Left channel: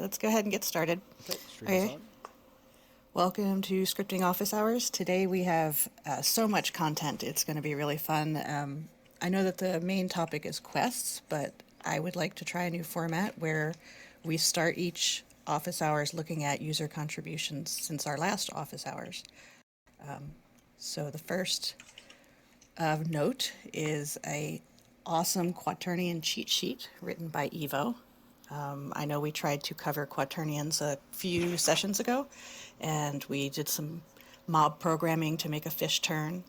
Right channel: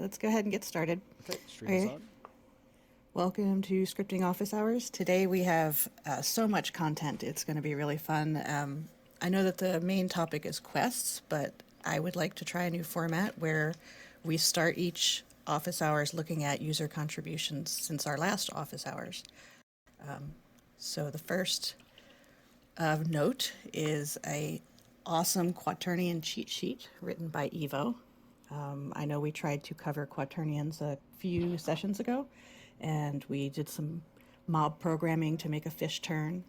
let's go ahead and get started. Okay, stream is Okay. on. Welcome to Scripting Office Hours. Today we have so much content. It's going to be really fun. I know that the main topic is quests, but I would like to try a new format where we start each office hours looking at user contributions since our last office hours. So the first of note is a awesome quaternion cheat sheet written by Evo. I know we tried to cover quaternions a few sessions ago, and we did some mob programming to make a fish turn,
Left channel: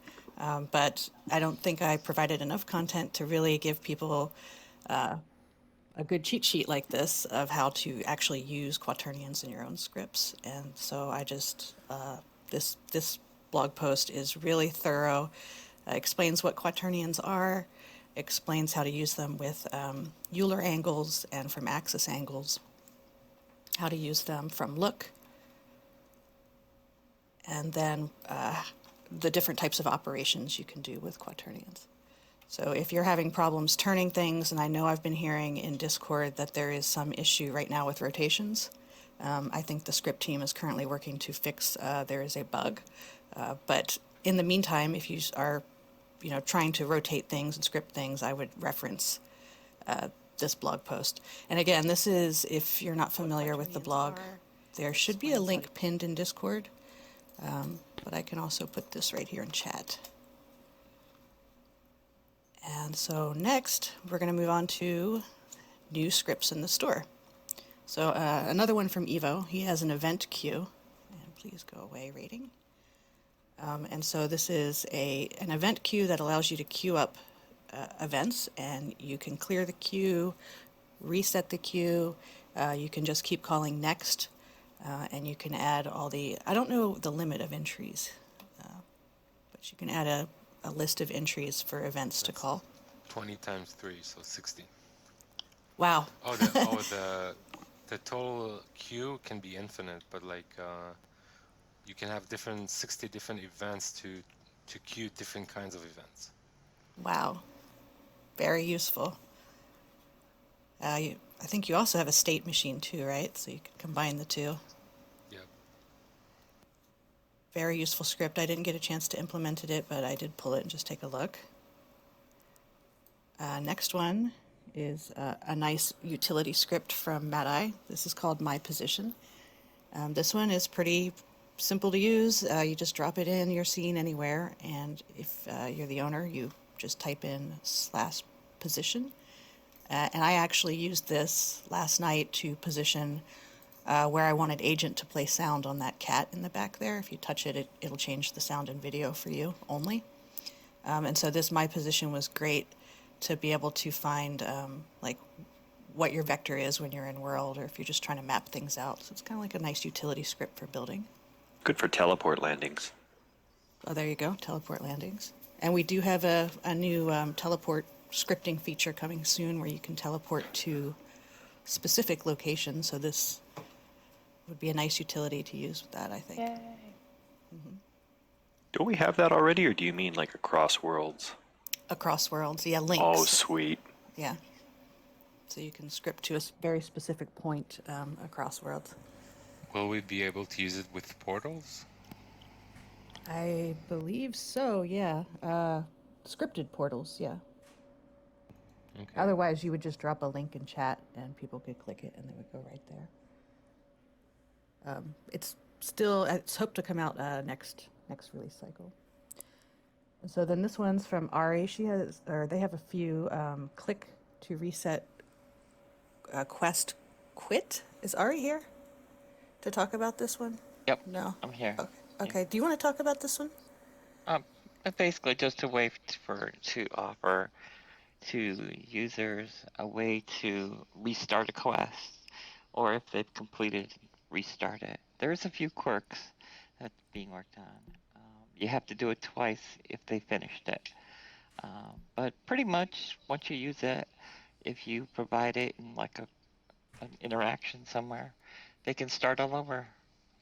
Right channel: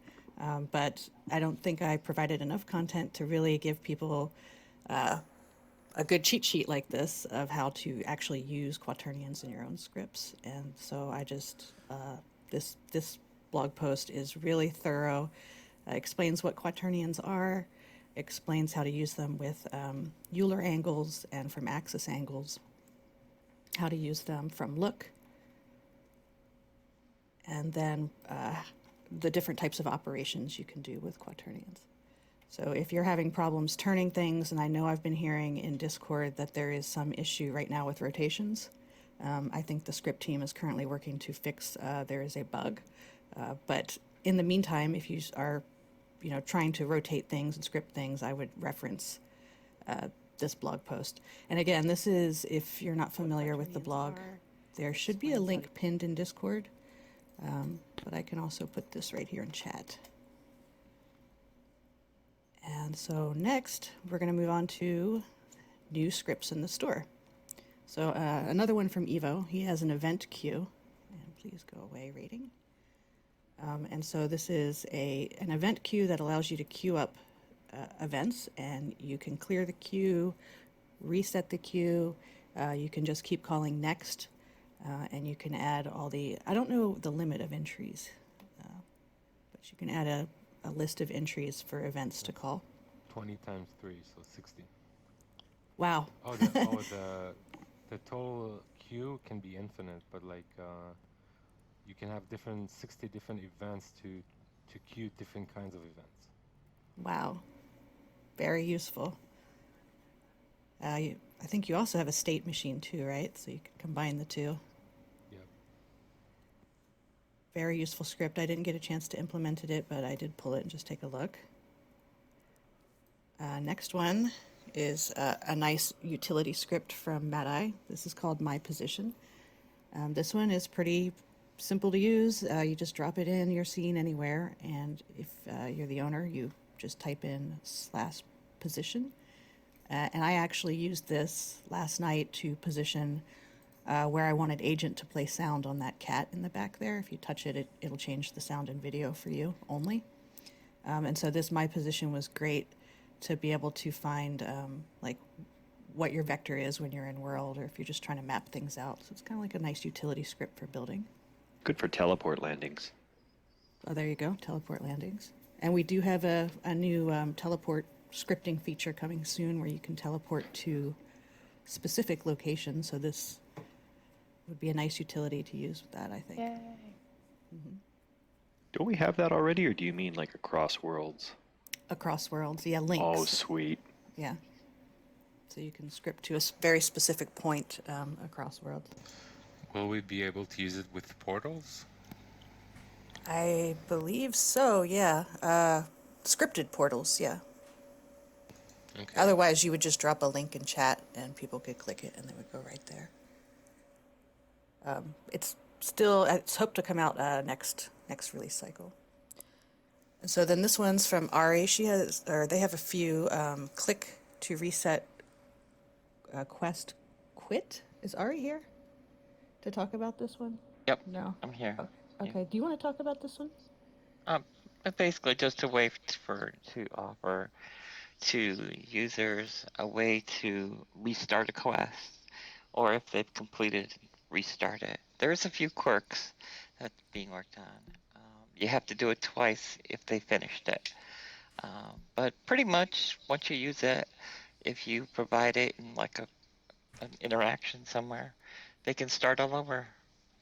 but I don't think I provided enough content to really give people a good cheat sheet like this of how to actually use quaternions in your own scripts. And so I just, this blog post is really thorough, explains what quaternions are, explains how to use them with Euler angles and from axis angles, how to use them from look, and then the different types of operations you can do with quaternions. So if you're having problems turning things, and I know I've been hearing in Discord that there is some issue right now with rotations, I think the script team is currently working to fix there is a bug. But in the meantime, if you are trying to rotate things and script things, I would reference this blog post. And again, this is, if you're not familiar with the blog, there should be a link pinned in Discord, but I can also put this right here in chat. And so next, we're going to move on to new scripts in the store. So another one from Evo, he has an event queue, and please go away rating. And so this is an event queue that allows you to queue up events, and you can clear the queue, reset the queue, you can just keep calling next, and you can add all I don't know the limit of entries, but you can add a list of entries for events to call. 20 times 3, so 60. Wow. The total queue can be infinite, but you can have 60 different events to queue different kinds of events. Wow. Very useful. I think you also have a state machine too, right? So you can combine the two. Yep. Very useful script. I didn't get a chance to implement it, but I did pull it and just take a look. Next one is a nice utility script from Madai. This is called My Position. This one is pretty simple to use. You just drop it in your scene anywhere, and if you're the owner, you just type in /position. And I actually used this last night to position where I wanted Agent to play sound on that cat in the back there. If you touch it, it'll change the sound and video for you only. And so this My Position was great to be able to find what your vector is when you're in world, or if you're just trying to map things out. So it's kind of like a nice utility script for building. Good for teleport landings. Oh, there you go, teleport landings. And we do have a new teleport scripting feature coming soon where you can teleport to specific locations. So this would be a nice utility to use with that, I think. Mm-hmm. Don't we have that already, or do you mean like across worlds? Across worlds, yeah, links. Oh, sweet. Yeah. So you can script to a very specific point across worlds. Will we be able to use it with portals? I believe so, yeah. Scripted portals, yeah. Okay. Otherwise, you would just drop a link in chat and people could click it and they would go right there. It's hoped to come out next release cycle. And so then this one's from Ari. They have a few click to reset quest quit. Is Ari here to talk about this one? Yep. No. I'm here. Okay. Yeah. Do you want to talk about this one? Basically just a way to offer to users a way to restart a quest, or if they've completed, restart it. There's a few quirks that's being worked on. You have to do it twice if they finished it. But pretty much once you use it, if you provide it in like an interaction somewhere, they can start all over.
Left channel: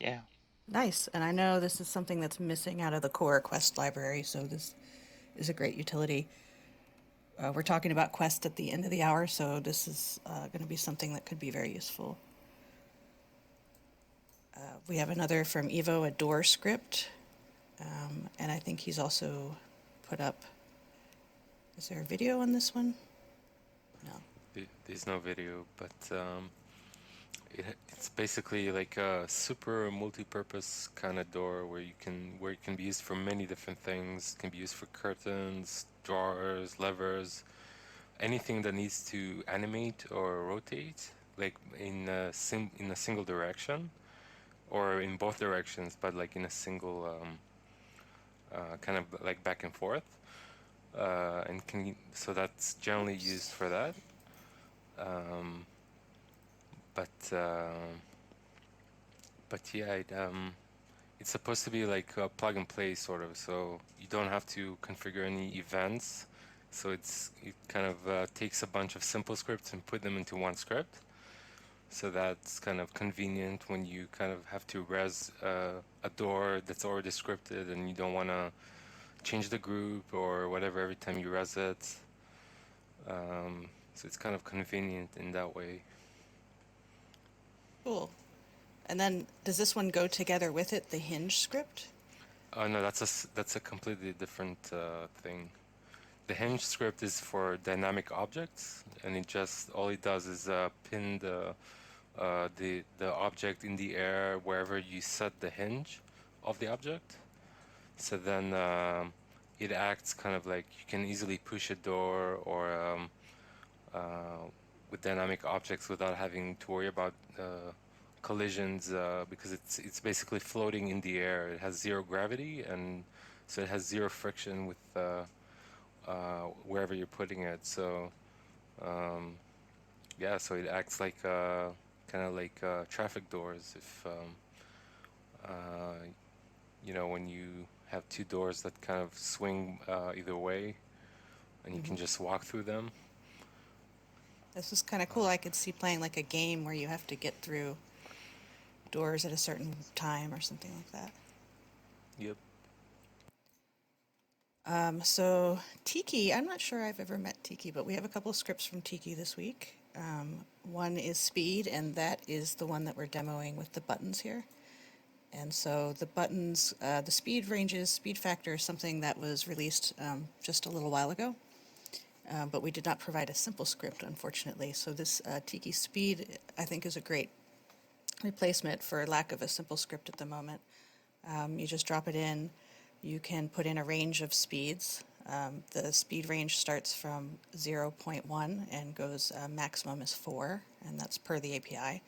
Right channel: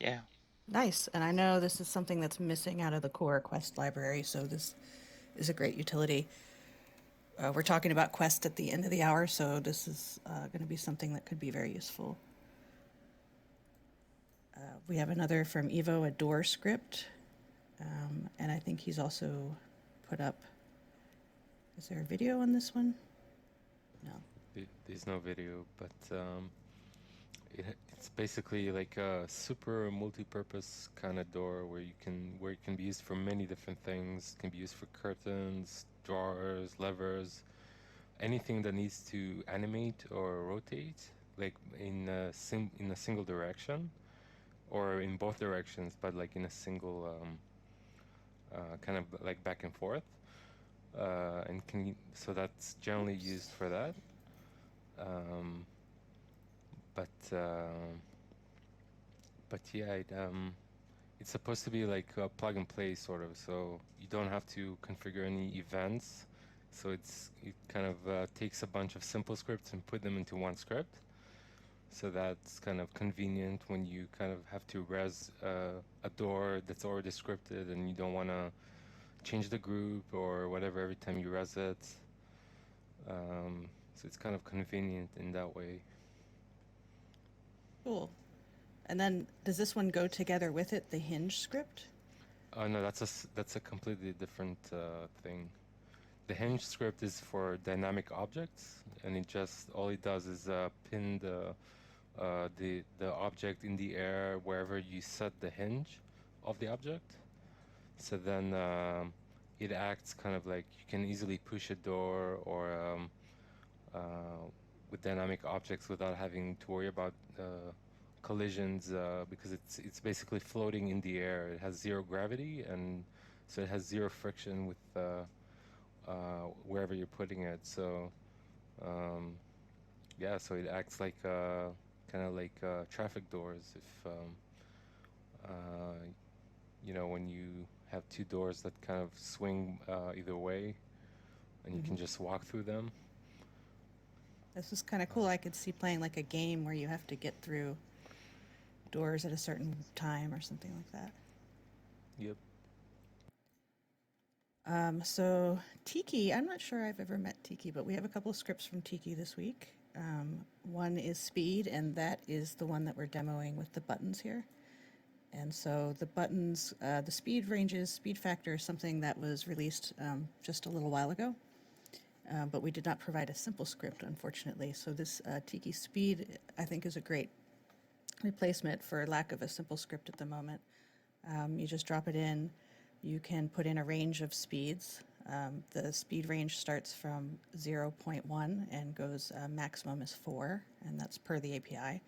Yeah. Nice. And I know this is something that's missing out of the core quest library, so this is a great utility. We're talking about quest at the end of the hour, so this is going to be something that could be very useful. We have another from Evo, a door script. And I think he's also put up, is there a video on this one? No. There's no video, but it's basically like a super multi-purpose kind of door where it can be used for many different things. It can be used for curtains, drawers, levers, anything that needs to animate or rotate, like in a single direction, or in both directions, but like in a single kind of like back and forth. So that's generally used for that. Um, but uh, but yeah, it's supposed to be like plug and play sort of, so you don't have to configure any events. So it kind of takes a bunch of simple scripts and put them into one script. So that's kind of convenient when you kind of have to res a door that's already scripted and you don't want to change the group or whatever every time you res it. So it's kind of convenient in that way. Cool. And then does this one go together with it, the hinge script? Oh no, that's a completely different thing. The hinge script is for dynamic objects, and all it does is pin the object in the air wherever you set the hinge of the object. So then it acts kind of like you can easily push a door or with dynamic objects without having to worry about collisions because it's basically floating in the air. It has zero gravity, and so it has zero friction with wherever you're putting it. So yeah, so it acts like kind of like traffic doors. If when you have two doors that kind of swing either way, and you can just walk through them. This is kind of cool. I could see playing like a game where you have to get through doors at a certain time or something like that. Yep. So Tiki, I'm not sure I've ever met Tiki, but we have a couple of scripts from Tiki this week. One is speed, and that is the one that we're demoing with the buttons here. And so the buttons, the speed ranges, speed factor is something that was released just a little while ago, but we did not provide a simple script, unfortunately. So this Tiki speed, I think, is a great replacement for lack of a simple script at the moment. You just drop it in. You can put in a range of speeds. The speed range starts from 0.1 and goes maximum is 4, and that's per the API.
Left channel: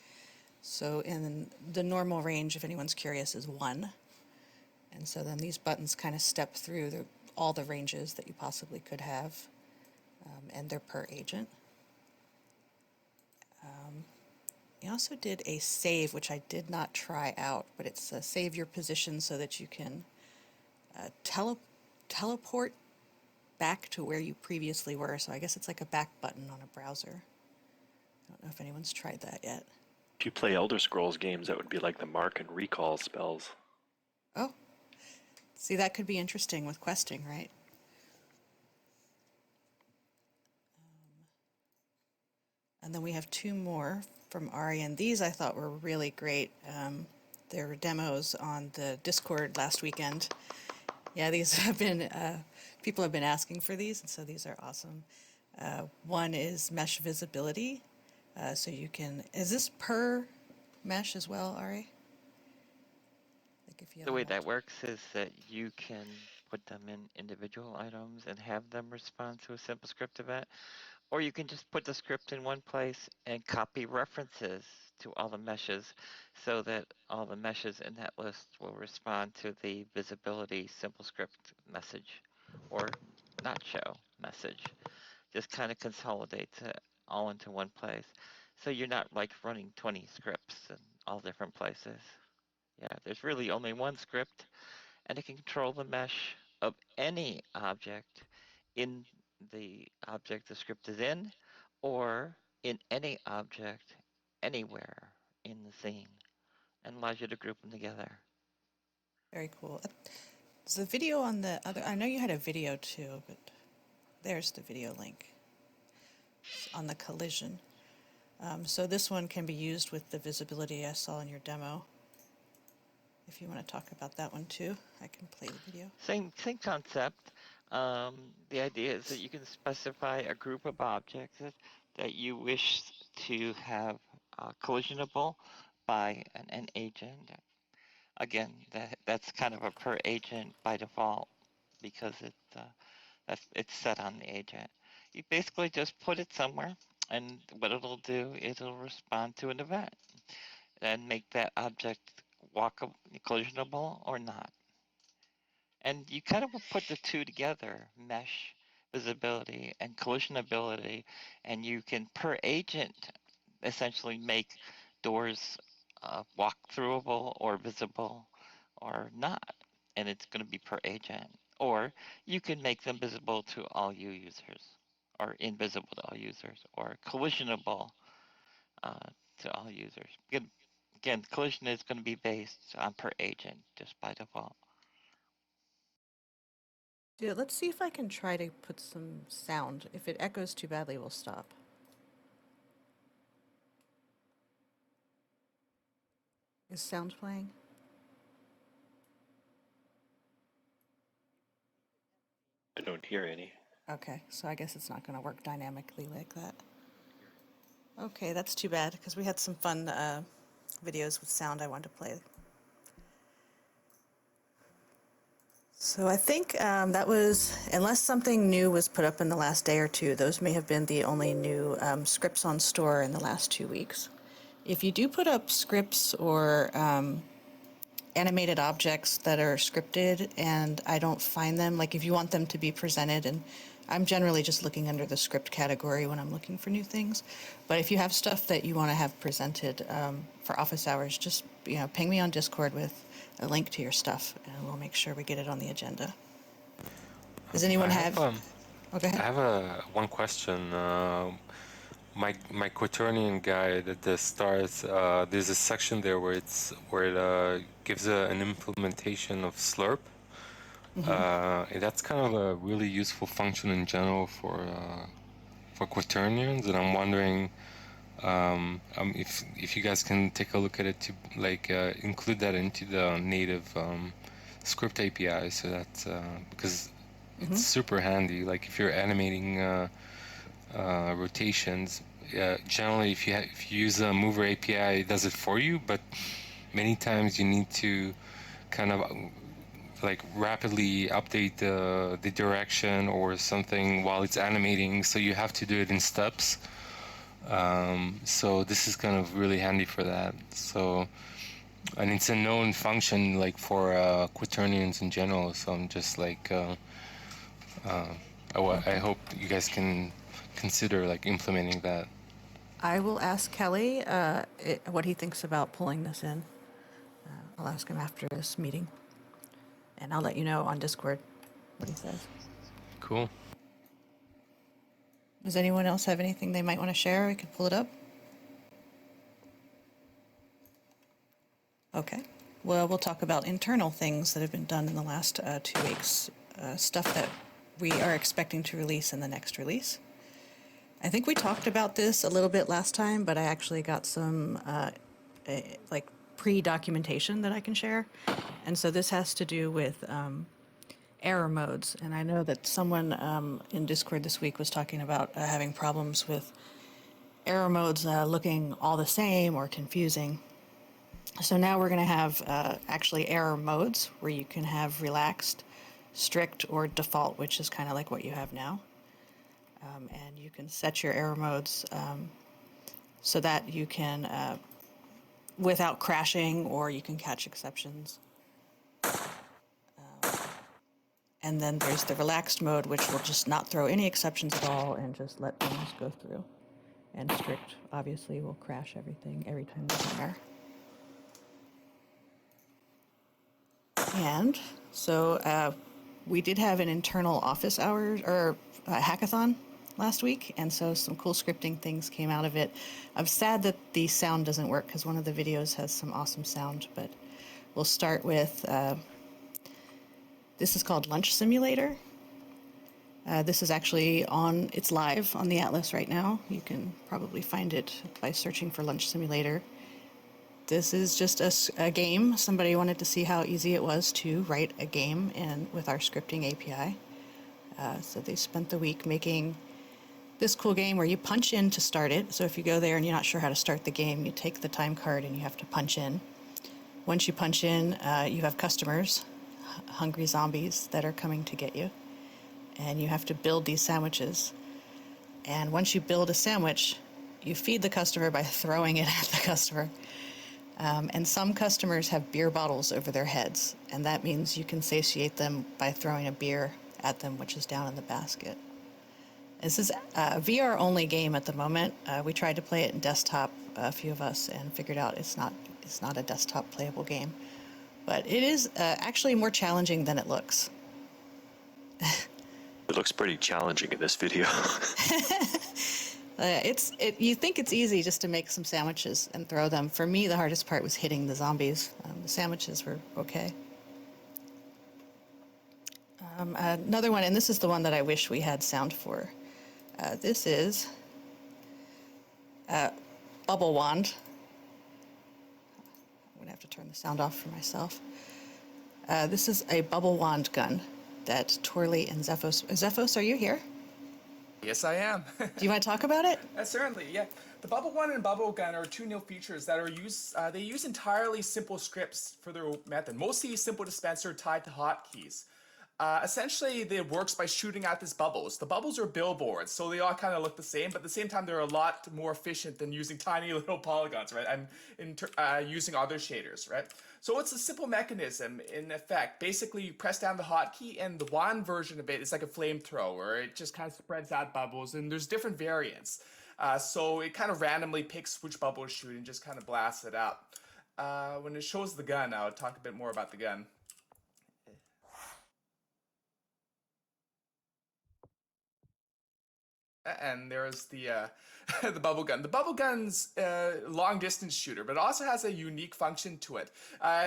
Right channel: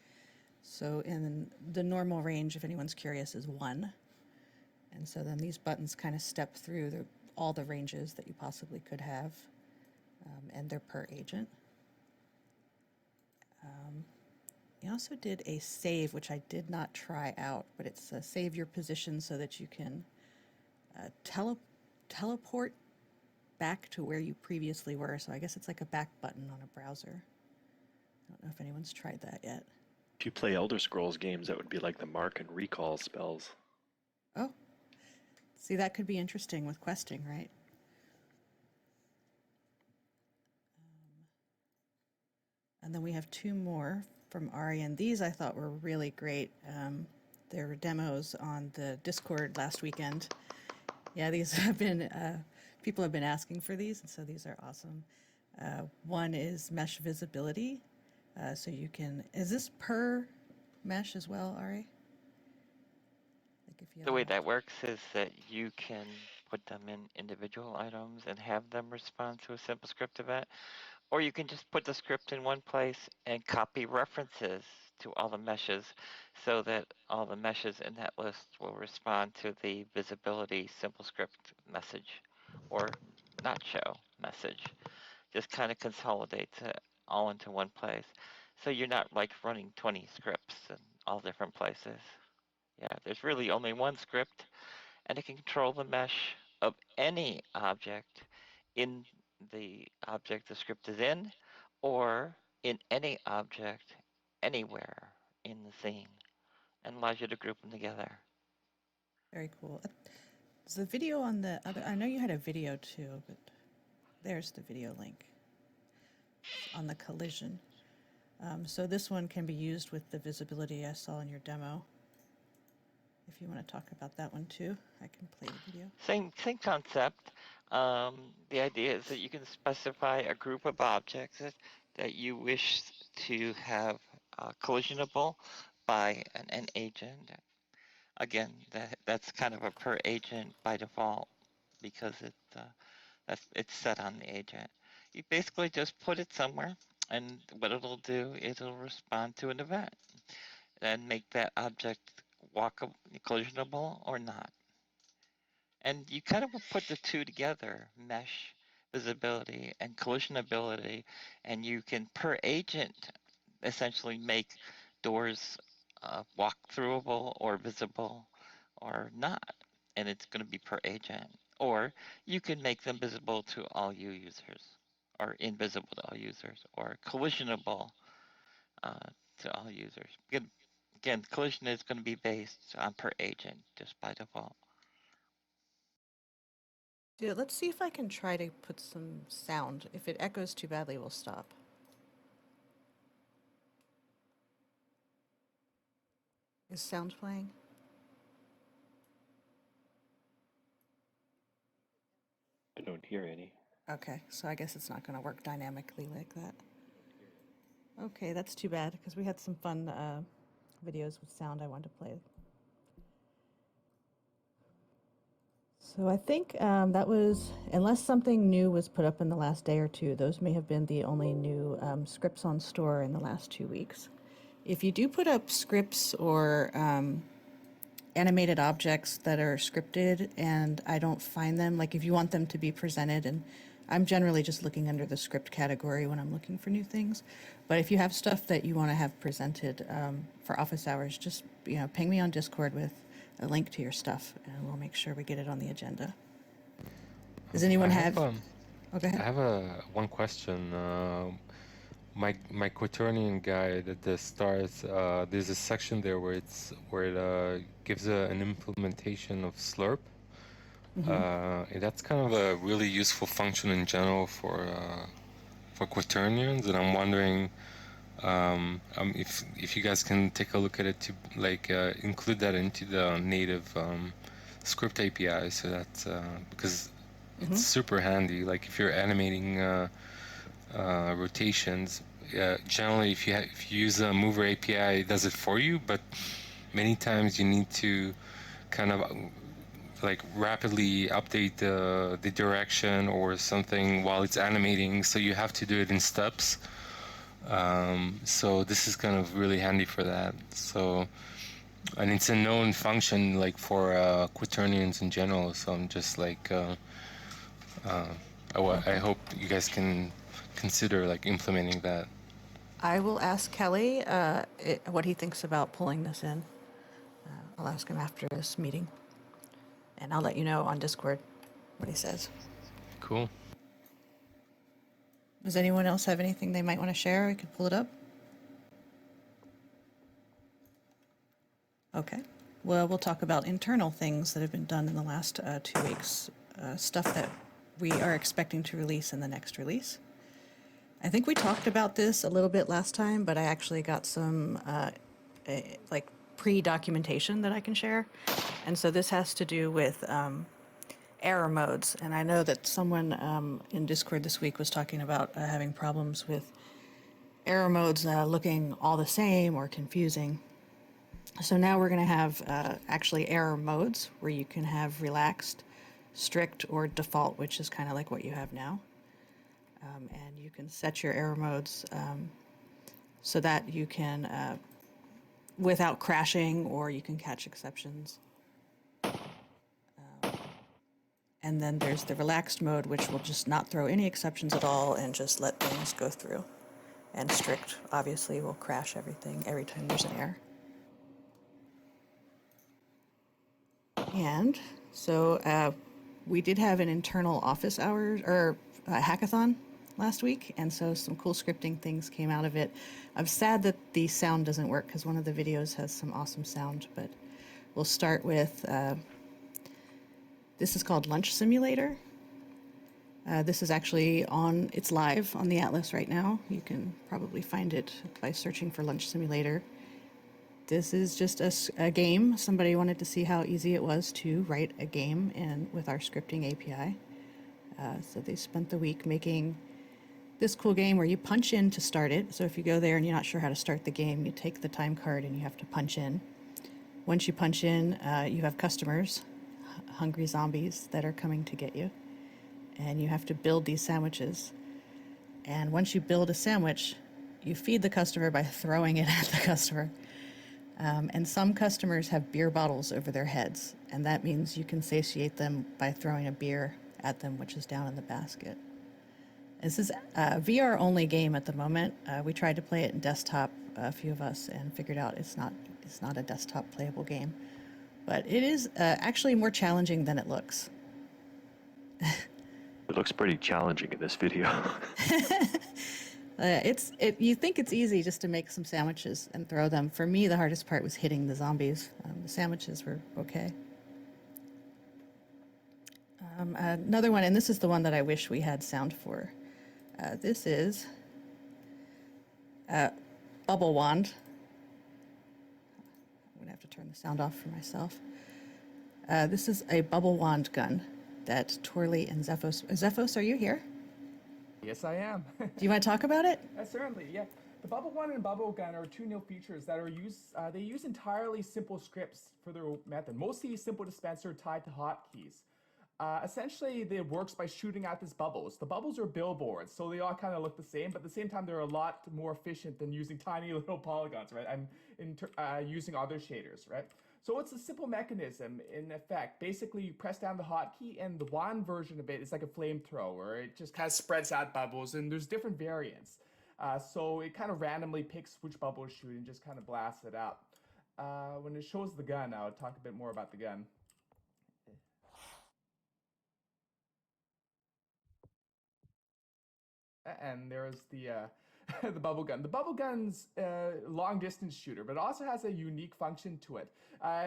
So in the normal range, if anyone's curious, is 1. And so then these buttons kind of step through all the ranges that you possibly could have, and they're per agent. We also did a save, which I did not try out, but it's save your position so that you can teleport back to where you previously were. So I guess it's like a back button on a browser. I don't know if anyone's tried that yet. If you play Elder Scrolls games, that would be like the mark and recall spells. Oh, see, that could be interesting with questing, right? And then we have 2 more from Ari, and these I thought were really great. There were demos on the Discord last weekend. Yeah, these have been, people have been asking for these, and so these are awesome. One is mesh visibility. So you can, is this per mesh as well, Ari? Like if you have The way that works is that you can put them in individual items and have them respond to a simple script event, or you can just put the script in one place and copy references to all the meshes so that all the meshes in that list will respond to the visibility simple script message or not show message. Just kind of consolidates it all into one place. So you're not like running 20 scripts in all different places. Yeah, there's really only one script, and it can control the mesh of any object in the object the script is in, or in any object anywhere in the scene, and allows you to group them together. Very cool. Is the video on the other, I know you had a video too, but there's the video link on the collision. So this one can be used with the visibility I saw in your demo. if you want to talk about that one too, I can play the video. Same concept. The idea is that you can specify a group of objects that you wish to have collisionable by an agent. Again, that's kind of a per agent by default because it's set on the agent. You basically just put it somewhere, and what it'll do is it'll respond to an event and make that object collisionable or not. And you kind of put the two together, mesh visibility and collisionability, and you can per agent essentially make doors walk throughable or visible or not, and it's going to be per agent. Or you can make them visible to all users, or invisible to all users, or collisionable to all users. Again, collision is going to be based on per agent just by default. Yeah, let's see if I can try to put some sound. If it echoes too badly, we'll stop. Is sound playing? I don't hear any. Okay, so I guess it's not going to work dynamically like that. Okay, that's too bad because we had some fun videos with sound I wanted to play. So I think that was, unless something new was put up in the last day or two, those may have been the only new scripts on store in the last 2 weeks. If you do put up scripts or animated objects that are scripted and I don't find them, like if you want them to be presented, and I'm generally just looking under the script category when I'm looking for new things, but if you have stuff that you want to have presented for office hours, just ping me on Discord with a link to your stuff and we'll make sure we get it on the agenda. Does anyone have I have one question. My quaternion guide at the start, there's a section there where it gives an implementation of slurp. And that's kind of a really useful function in general for quaternions, and I'm wondering if you guys can take a look at it to include that into the native script API, so that because it's super handy. Like if you're animating rotations, generally if you use a mover API, it does it for you, but many times you need to kind of rapidly update the direction or something while it's animating, so you have to do it in steps. So this is kind of really handy for that. So, and it's a known function for quaternions in general, so I'm just I hope you guys can consider implementing that. I will ask Kelly what he thinks about pulling this in. I'll ask him after this meeting. And I'll let you know on Discord what he says. Cool. Does anyone else have anything they might want to share? I can pull it up. Okay. Well, we'll talk about internal things that have been done in the last 2 weeks. Stuff that we are expecting to release in the next release. I think we talked about this a little bit last time, but I actually got some pre-documentation that I can share. And so this has to do with error modes. And I know that someone in Discord this week was talking about having problems with error modes looking all the same or confusing. So now we're going to have actually error modes where you can have relaxed, strict, or default, which is kind of like what you have now. And you can set your error modes so that you can, without crashing, or you can catch exceptions. And then there's the relaxed mode, which will just not throw any exceptions at all and just let things go through. And strict, obviously, will crash everything every time there's an error. And so we did have an internal office hours or hackathon last week, and so some cool scripting things came out of it. I'm sad that the sound doesn't work because one of the videos has some awesome sound, but we'll start with this is called Lunch Simulator. This is actually it's live on the Atlas right now. You can probably find it by searching for Lunch Simulator. This is just a game. Somebody wanted to see how easy it was to write a game with our scripting API. So they spent the week making this cool game where you punch in to start it. So if you go there and you're not sure how to start the game, you take the time card and you have to punch in. Once you punch in, you have customers, hungry zombies that are coming to get you. And you have to build these sandwiches. And once you build a sandwich, you feed the customer by throwing it at the customer. And some customers have beer bottles over their heads, and that means you can satiate them by throwing a beer at them, which is down in the basket. This is a VR-only game at the moment. We tried to play it in desktop, a few of us, and figured out it's not a desktop playable game. But it is actually more challenging than it looks. It looks pretty challenging in this video. You think it's easy just to make some sandwiches and throw them. For me, the hardest part was hitting the zombies. The sandwiches were okay. Another one, and this is the one that I wish we had sound for. This is Bubble Wand. I'm going to have to turn the sound off for myself. This is a bubble wand gun that Torley and Zephos... Zephos, are you here? Yes, I am. Do you want to talk about it? Certainly, yeah. The Bubble Wand and Bubble Gun are two new features that are used. They use entirely simple scripts for their method. Mostly simple dispenser tied to hotkeys. Essentially, it works by shooting out these bubbles. The bubbles are billboards, so they all kind of look the same, but at the same time, they're a lot more efficient than using tiny little polygons, right? And using other shaders, right? So it's a simple mechanism in effect. Basically, you press down the hotkey, and the wand version of it is like a flamethrower. It just kind of spreads out bubbles, and there's different variants. So it kind of randomly picks which bubble to shoot and just kind of blasts it out. When it shows the gun, I'll talk a bit more about the gun. And there's the the bubble gun. The bubble gun's long distance shooter, but it also has a unique function to it.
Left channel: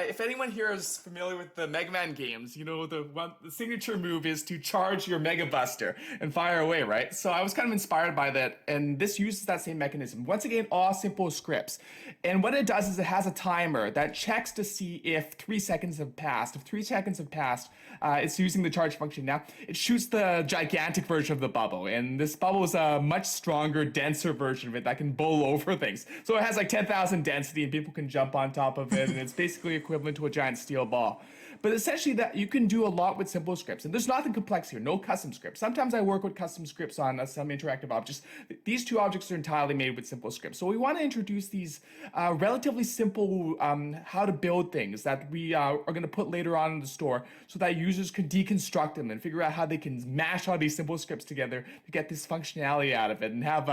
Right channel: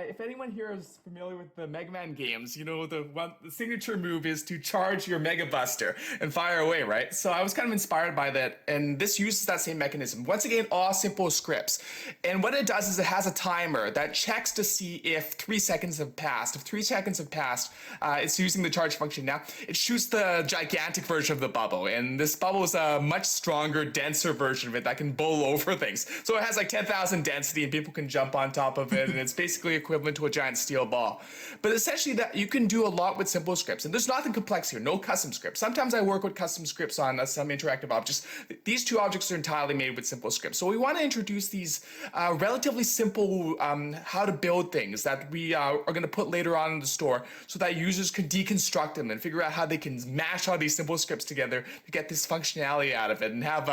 If anyone here is familiar with the Mega Man games, you know the signature move is to charge your Mega Buster and fire away, right? So I was kind of inspired by that, and this uses that same mechanism. Once again, all simple scripts. And what it does is it has a timer that checks to see if 3 seconds have passed. If 3 seconds have passed, it's using the charge function now. It shoots the gigantic version of the bubble, and this bubble is a much stronger, denser version of it that can bowl over things. So it has like 10,000 density, and people can jump on top of it, and it's basically equivalent to a giant steel ball. But essentially, that you can do a lot with simple scripts, and there's nothing complex here, no custom scripts. Sometimes I work with custom scripts on some interactive objects. These two objects are entirely made with simple scripts. So we want to introduce these relatively simple how to build things that we are going to put later on in the store, so that users can deconstruct them and figure out how they can mash all these simple scripts together to get this functionality out of it and have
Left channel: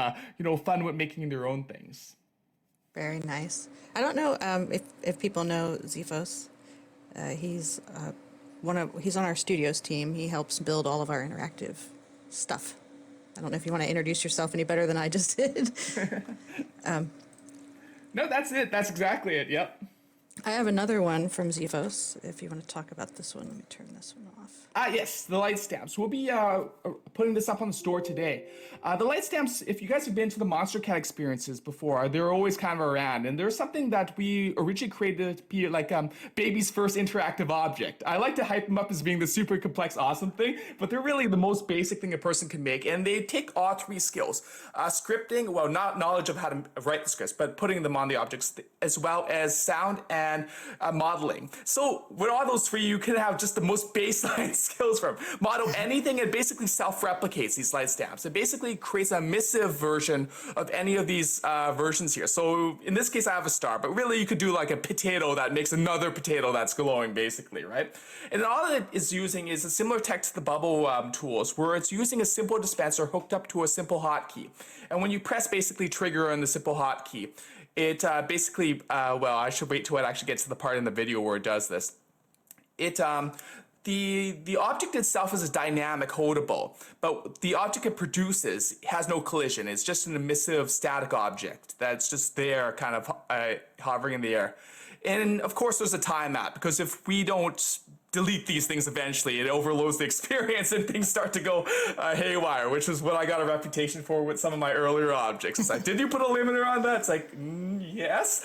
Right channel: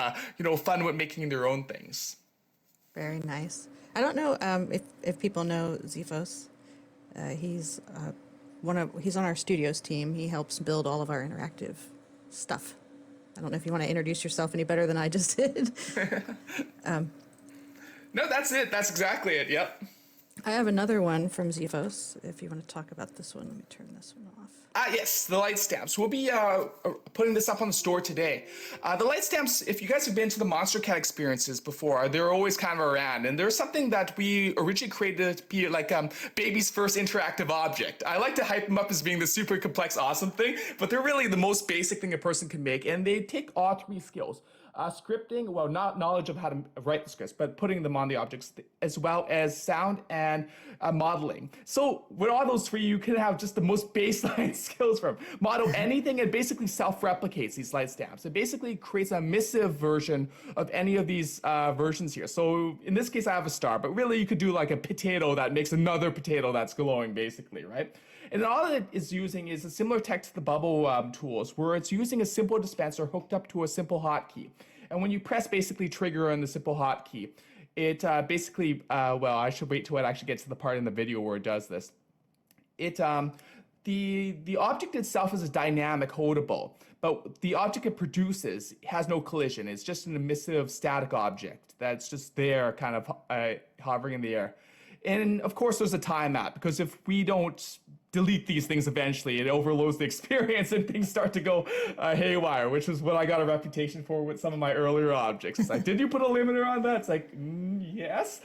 fun with making their own things. Very nice. I don't know if people know Zephos. He's on our studios team. He helps build all of our interactive stuff. I don't know if you want to introduce yourself any better than I just did. No, that's it. That's exactly it. Yep. I have another one from Zephos. If you want to talk about this one, let me turn this one off. Yes, the light stamps. We'll be putting this up on the store today. The light stamps, if you guys have been to the Monster Cat experiences before, they're always kind of around. And there's something that we originally created to be like baby's first interactive object. I like to hype them up as being the super complex, awesome thing, but they're really the most basic thing a person can make. And they take all three skills. Scripting, well, not knowledge of how to write the scripts, but putting them on the objects, as well as sound and modeling. So with all those three, you can have just the most baseline skills from model anything. It basically self-replicates these light stamps. It basically creates a emissive version of any of these versions here. So in this case, I have a star, but really you could do like a potato that makes another potato that's glowing, basically, right? And all it is using is a similar tech to the bubble tools, where it's using a simple dispenser hooked up to a simple hotkey. And when you press basically trigger on the simple hotkey, it basically, well, I should wait till it actually gets to the part in the video where it does this. It the object itself is a dynamic holdable, but the object it produces has no collision. It's just an emissive static object that's just there, kind of hovering in the air. And of course, there's a time map, because if we don't delete these things eventually, it overloads the experience and things start to go haywire, which is what I got a reputation for with some of my earlier objects. It's like, did you put a limiter on that? It's like, yes.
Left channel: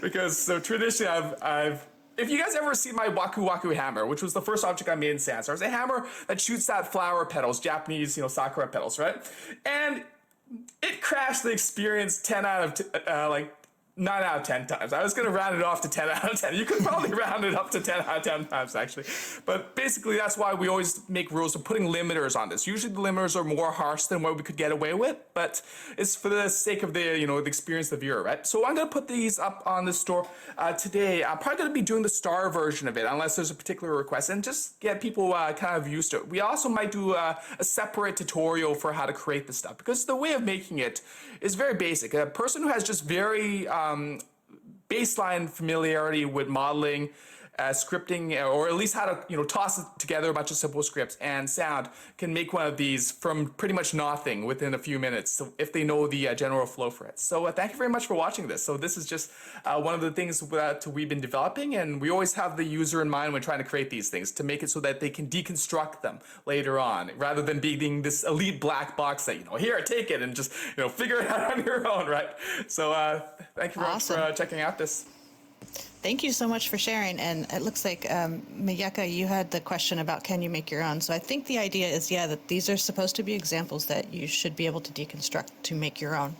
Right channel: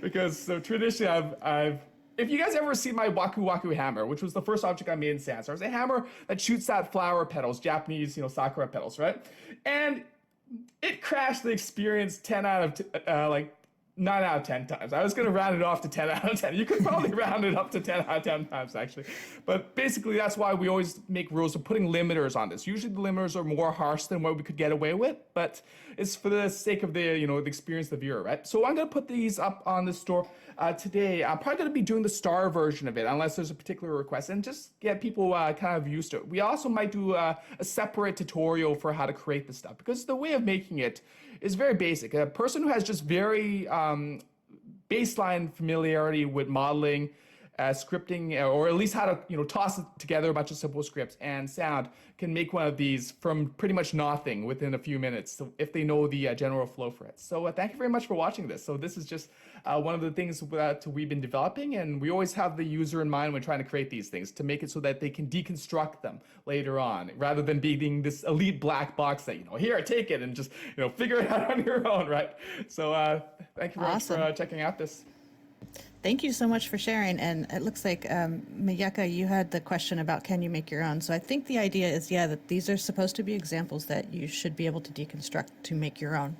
Because so traditionally I've if you guys ever seen my Waku Waku hammer, which was the first object I made in Sansar, it's a hammer that shoots at flower petals, Japanese, sakura petals, right? And it crashed the experience 10 out of 9 out of 10 times. I was going to round it off to 10 out of 10. You could probably round it up to 10 out of 10 times, actually. But basically, that's why we always make rules of putting limiters on this. Usually, the limiters are more harsh than what we could get away with, but it's for the sake of the, the experience of the viewer, right? So I'm going to put these up on the store today. I'm probably going to be doing the star version of it, unless there's a particular request, and just get people kind of used to it. We also might do a separate tutorial for how to create this stuff, because the way of making it is very basic. A person who has just very baseline familiarity with modeling, scripting, or at least how to toss together a bunch of simple scripts and sound can make one of these from pretty much nothing within a few minutes, so if they know the general flow for it. So thank you very much for watching this. So this is just one of the things that we've been developing, and we always have the user in mind when trying to create these things, to make it so that they can deconstruct them later on, rather than being this elite black box that here, take it and just figure it out on your own, right? So thank you very much for checking out this. Thank you so much for sharing. And it looks like, Miyaka, you had the question about can you make your own? So I think the idea is, that these are supposed to be examples that you should be able to deconstruct to make your own.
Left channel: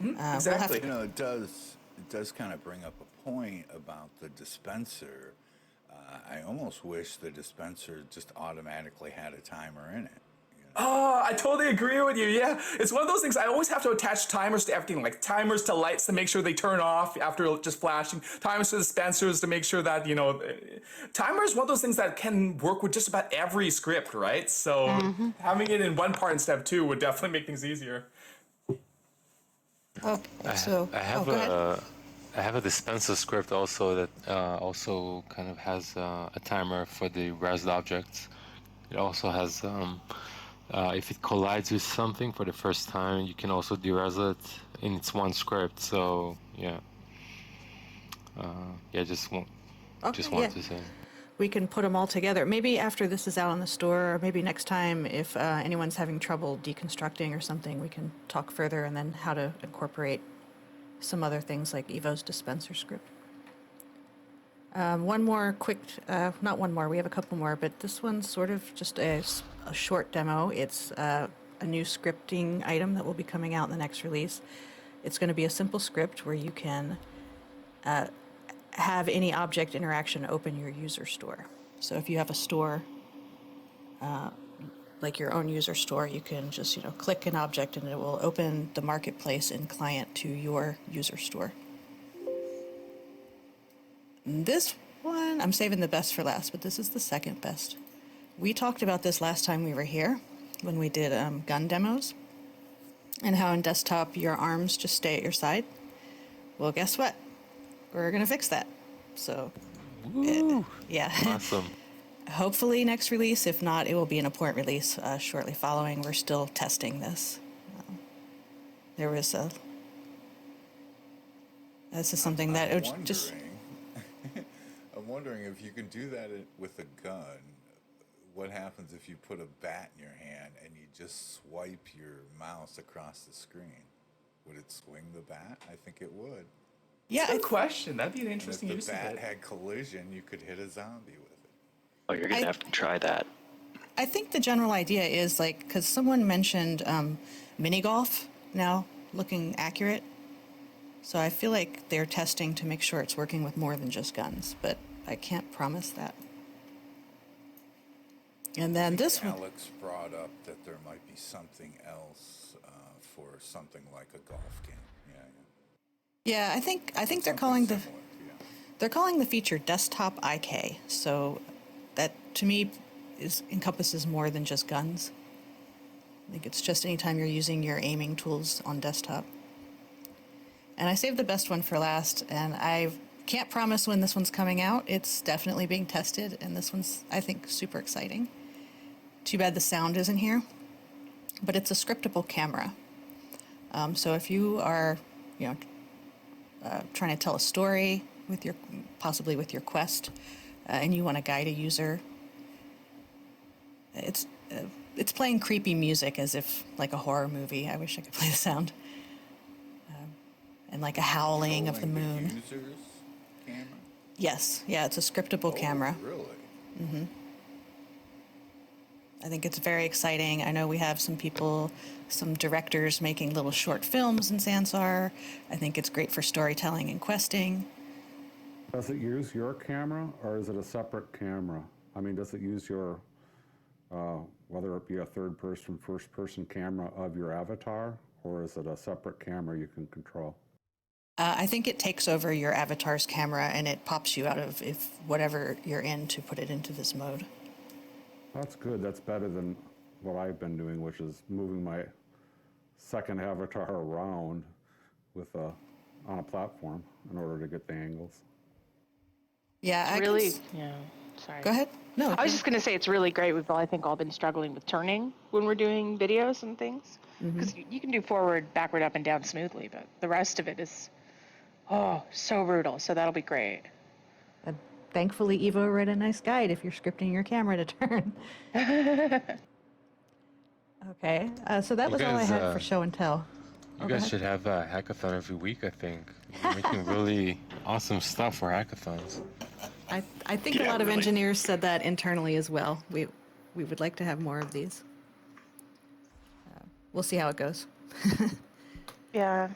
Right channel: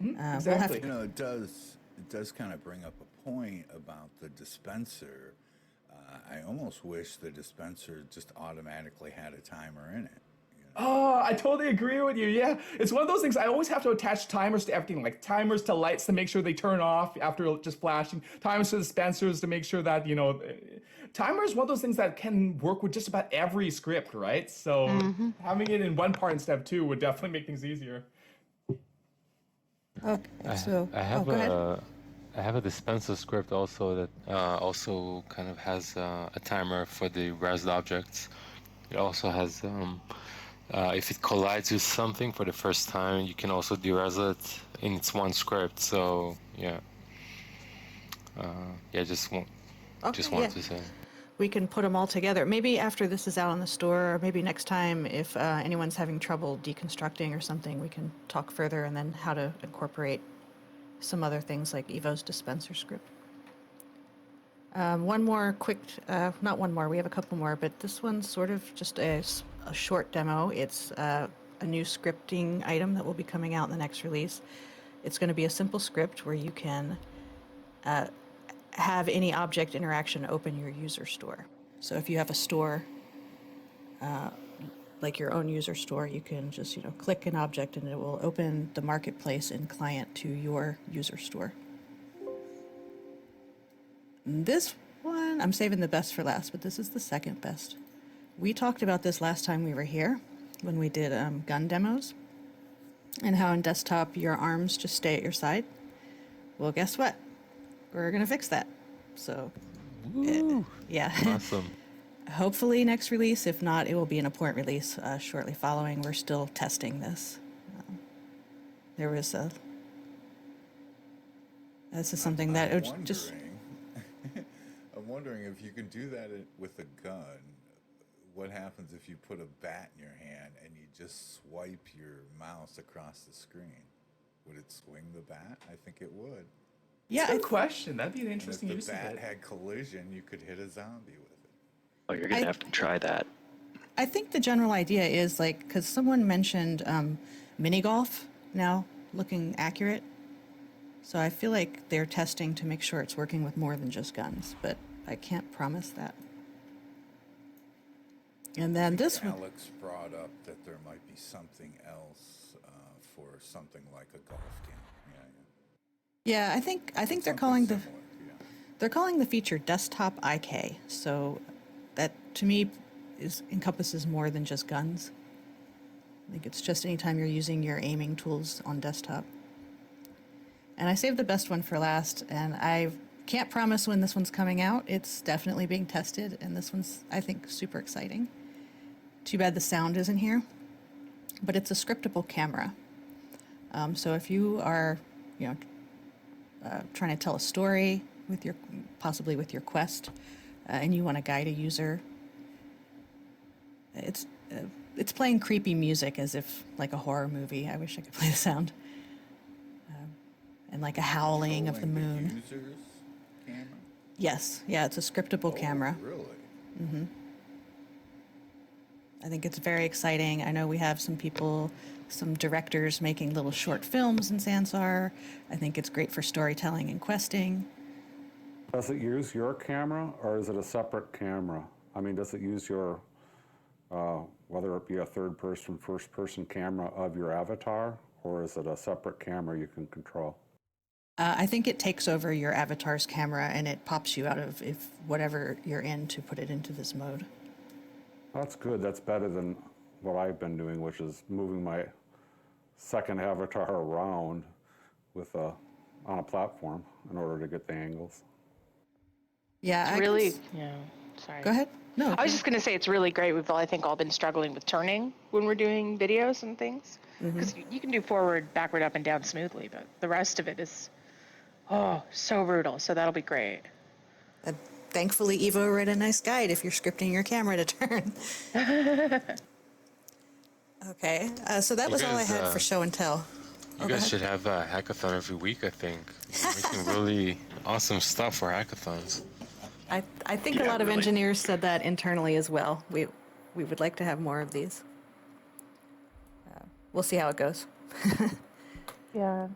Exactly. It does kind of bring up a point about the dispenser. I almost wish the dispenser just automatically had a timer in it. Oh, I totally agree with you. Yeah, it's one of those things. I always have to attach timers to everything, like timers to lights to make sure they turn off after just flashing, timers to dispensers to make sure that, timer is one of those things that can work with just about every script, right? So having it in one part instead of two would definitely make things easier. Oh, so go ahead. I have a dispenser script also that also kind of has a timer for the resed object. It also has if it collides with something for the first time, you can also deres it in its one script. So just want to say. We can put them all together. Maybe after this is out on the store, or maybe next time, if anyone's having trouble deconstructing or something, we can talk further, and then how to incorporate some other things like Evo's dispenser script. One more quick, not one more, we have a couple more, but this one's sort of just a short demo. It's a new scripting item that will be coming out in the next release. It's going to be a simple script where you can have any object interaction open your user store. So if you have a store, like your own user store, you can just click an object and it will open the marketplace and client to your user store. This one, I'm saving the best for last, but this is the second best. We talked about this last time we were here when we did gun demos, and how in desktop your arms just stay at your side. Well, guess what? We're going to fix that. So, Awesome. Hopefully next release. If not, it will be an important release shortly following. We're still testing this. There was this is something that it would just... I'm wondering if you can do that with a gun. What happens if you put a bat in your hand and you just swipe your mouse across the screen? Would it swing the bat? I think it would. Yeah, Good question. That'd be an interesting And use if the of bat it. had collision, you could hit a zombie with it. Oh, you're going to have to try that. I think the general idea is because someone mentioned mini golf now looking accurate. So I feel like they're testing to make sure it's working with more than just guns, but I can't promise that. And then this one. Alex brought up that there might be something else for something like a golf game. Yeah, I think they're calling they're calling the feature desktop IK. So that to me encompasses more than just guns. I think it's just anytime you're using your aiming tools on desktop. And I saved the best one for last, and Can't promise when this one's coming out. It's definitely being tested, and this one's, I think, super exciting. Too bad the sound isn't here, but it's a scriptable camera. So if you are, trying to tell a story with possibly with your quest, and you want to guide a user, it's playing creepy music as if like a horror movie. I wish I could play the sound. And like a howling of the Controlling moon. The user's camera? Yes, yeah, it's a scriptable camera. Really? I think it's very exciting. I know we have some directors making little short films in Sansar. I think it's great for storytelling and questing. Does it use your camera, or is it a separate camera? I mean, does it use your, whether it be a third-person, first-person camera of your avatar, or is it a separate camera you can control? I think it takes over your avatar's camera and it pops you out of whatever you're in to put it into this mode. That's good. That's better than what I've been doing, which is moving my second avatar around on a platform in order to get the angles. Yeah, Yeah, sorry. Go ahead. No. I was just going to say it's really great. We've all, I think, all been struggling with turning when we're doing videos and things. Because you can do forward, backward, up, and down smoothly, but the rest of it is, so brutal. So that'll be great. Thankfully, Evo wrote a nice guide if you're scripting your camera to turn. Okay, so that was all I had for show and tell. You guys should have a hackathon every week, I think. You're making really awesome stuff for hackathons. I think a lot of engineers said that internally as well. We would like to have more of these. We'll see how it goes. Yeah.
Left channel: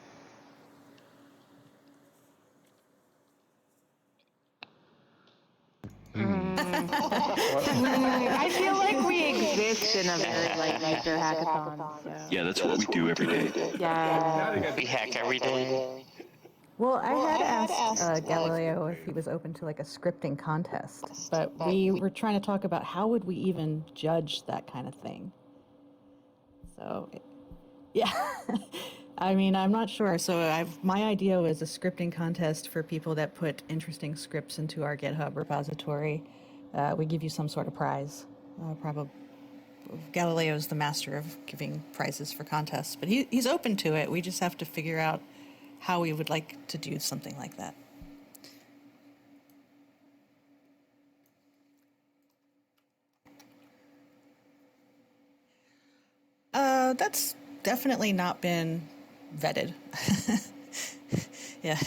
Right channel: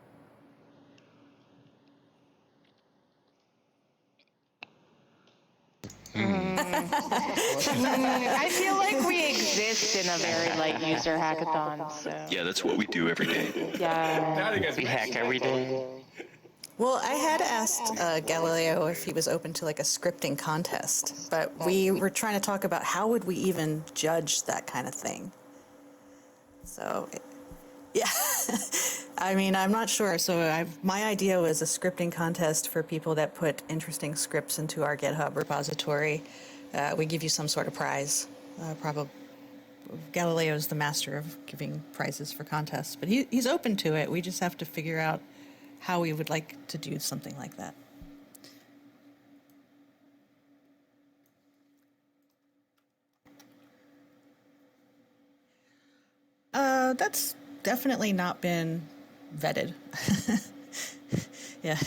I feel like we exist in a very light user hackathon. So. Yeah, that's what we do every day. Yeah. We hack every day. Well, I had asked Galileo if he was open to like a scripting contest, but we were trying to talk about how would we even judge that kind of thing. So, yeah, I mean, I'm not sure. So my idea was a scripting contest for people that put interesting scripts into our GitHub repository. We give you some sort of prize. Probably Galileo's the master of giving prizes for contests, but he's open to it. We just have to figure out how we would like to do something like that. That's definitely not been vetted. Yeah.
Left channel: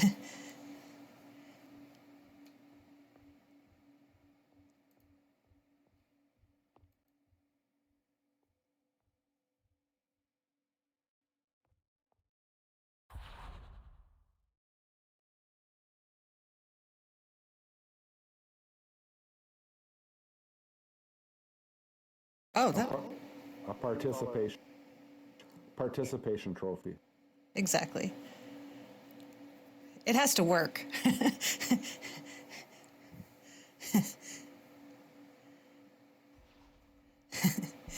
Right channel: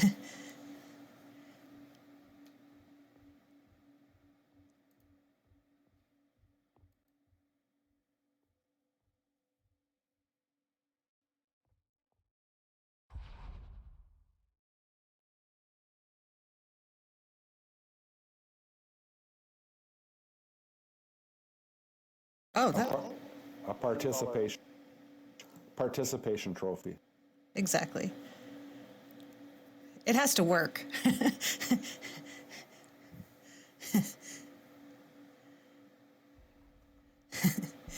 Oh, that A participation trophy. exactly. It has to work.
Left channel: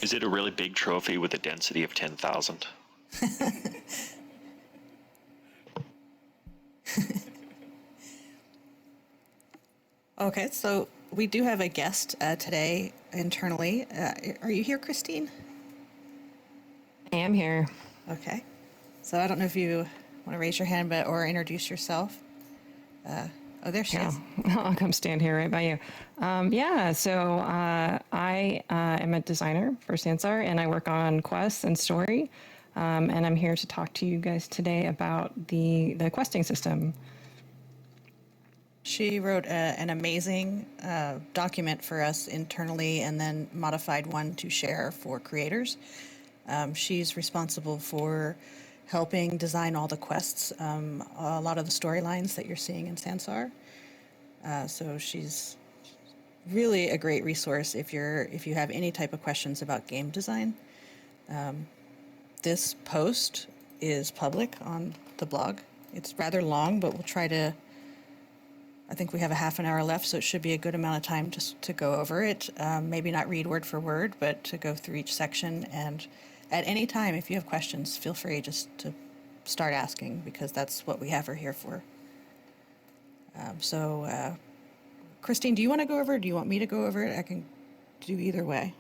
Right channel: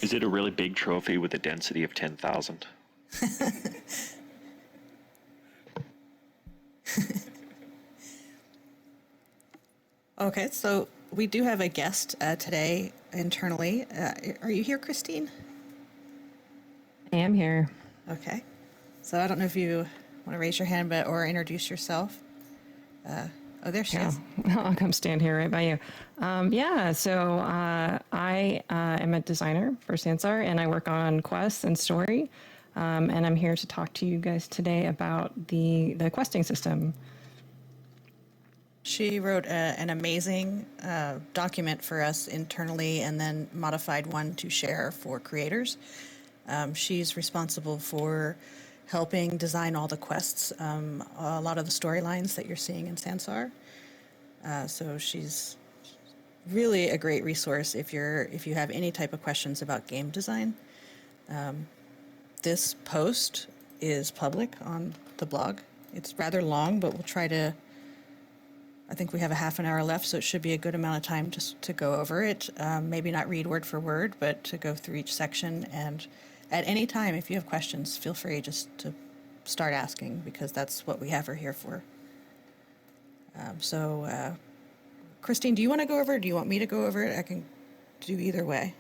Is it a really big trophy with a density of 10,000? Okay, so we do have a guest today internally. Are you here, Christine? I am here. Okay. So I don't know if you want to raise your hand or introduce yourself. Oh, there she is. I'll come stand here right by you. So I am a designer for Sansar, and I work on quests and story. And I'm here to talk to you guys today about the questing system. She wrote an amazing document for us internally and then modified one to share for creators. She's responsible for helping design all the quests, a lot of the storylines that you're seeing in Sansar. So she's really a great resource if you have any type of questions about game design. This post is public on the blog. It's rather long, but we'll try to. I think we have a half an hour left, so it should be a good amount of time just to go over it. Maybe not read word for word, but to go through each section. And at any time, if you have questions, feel free just to start asking, because that's what we have her here for. Christine, do you want to go over it? Do you want me to go over it? I can do either way.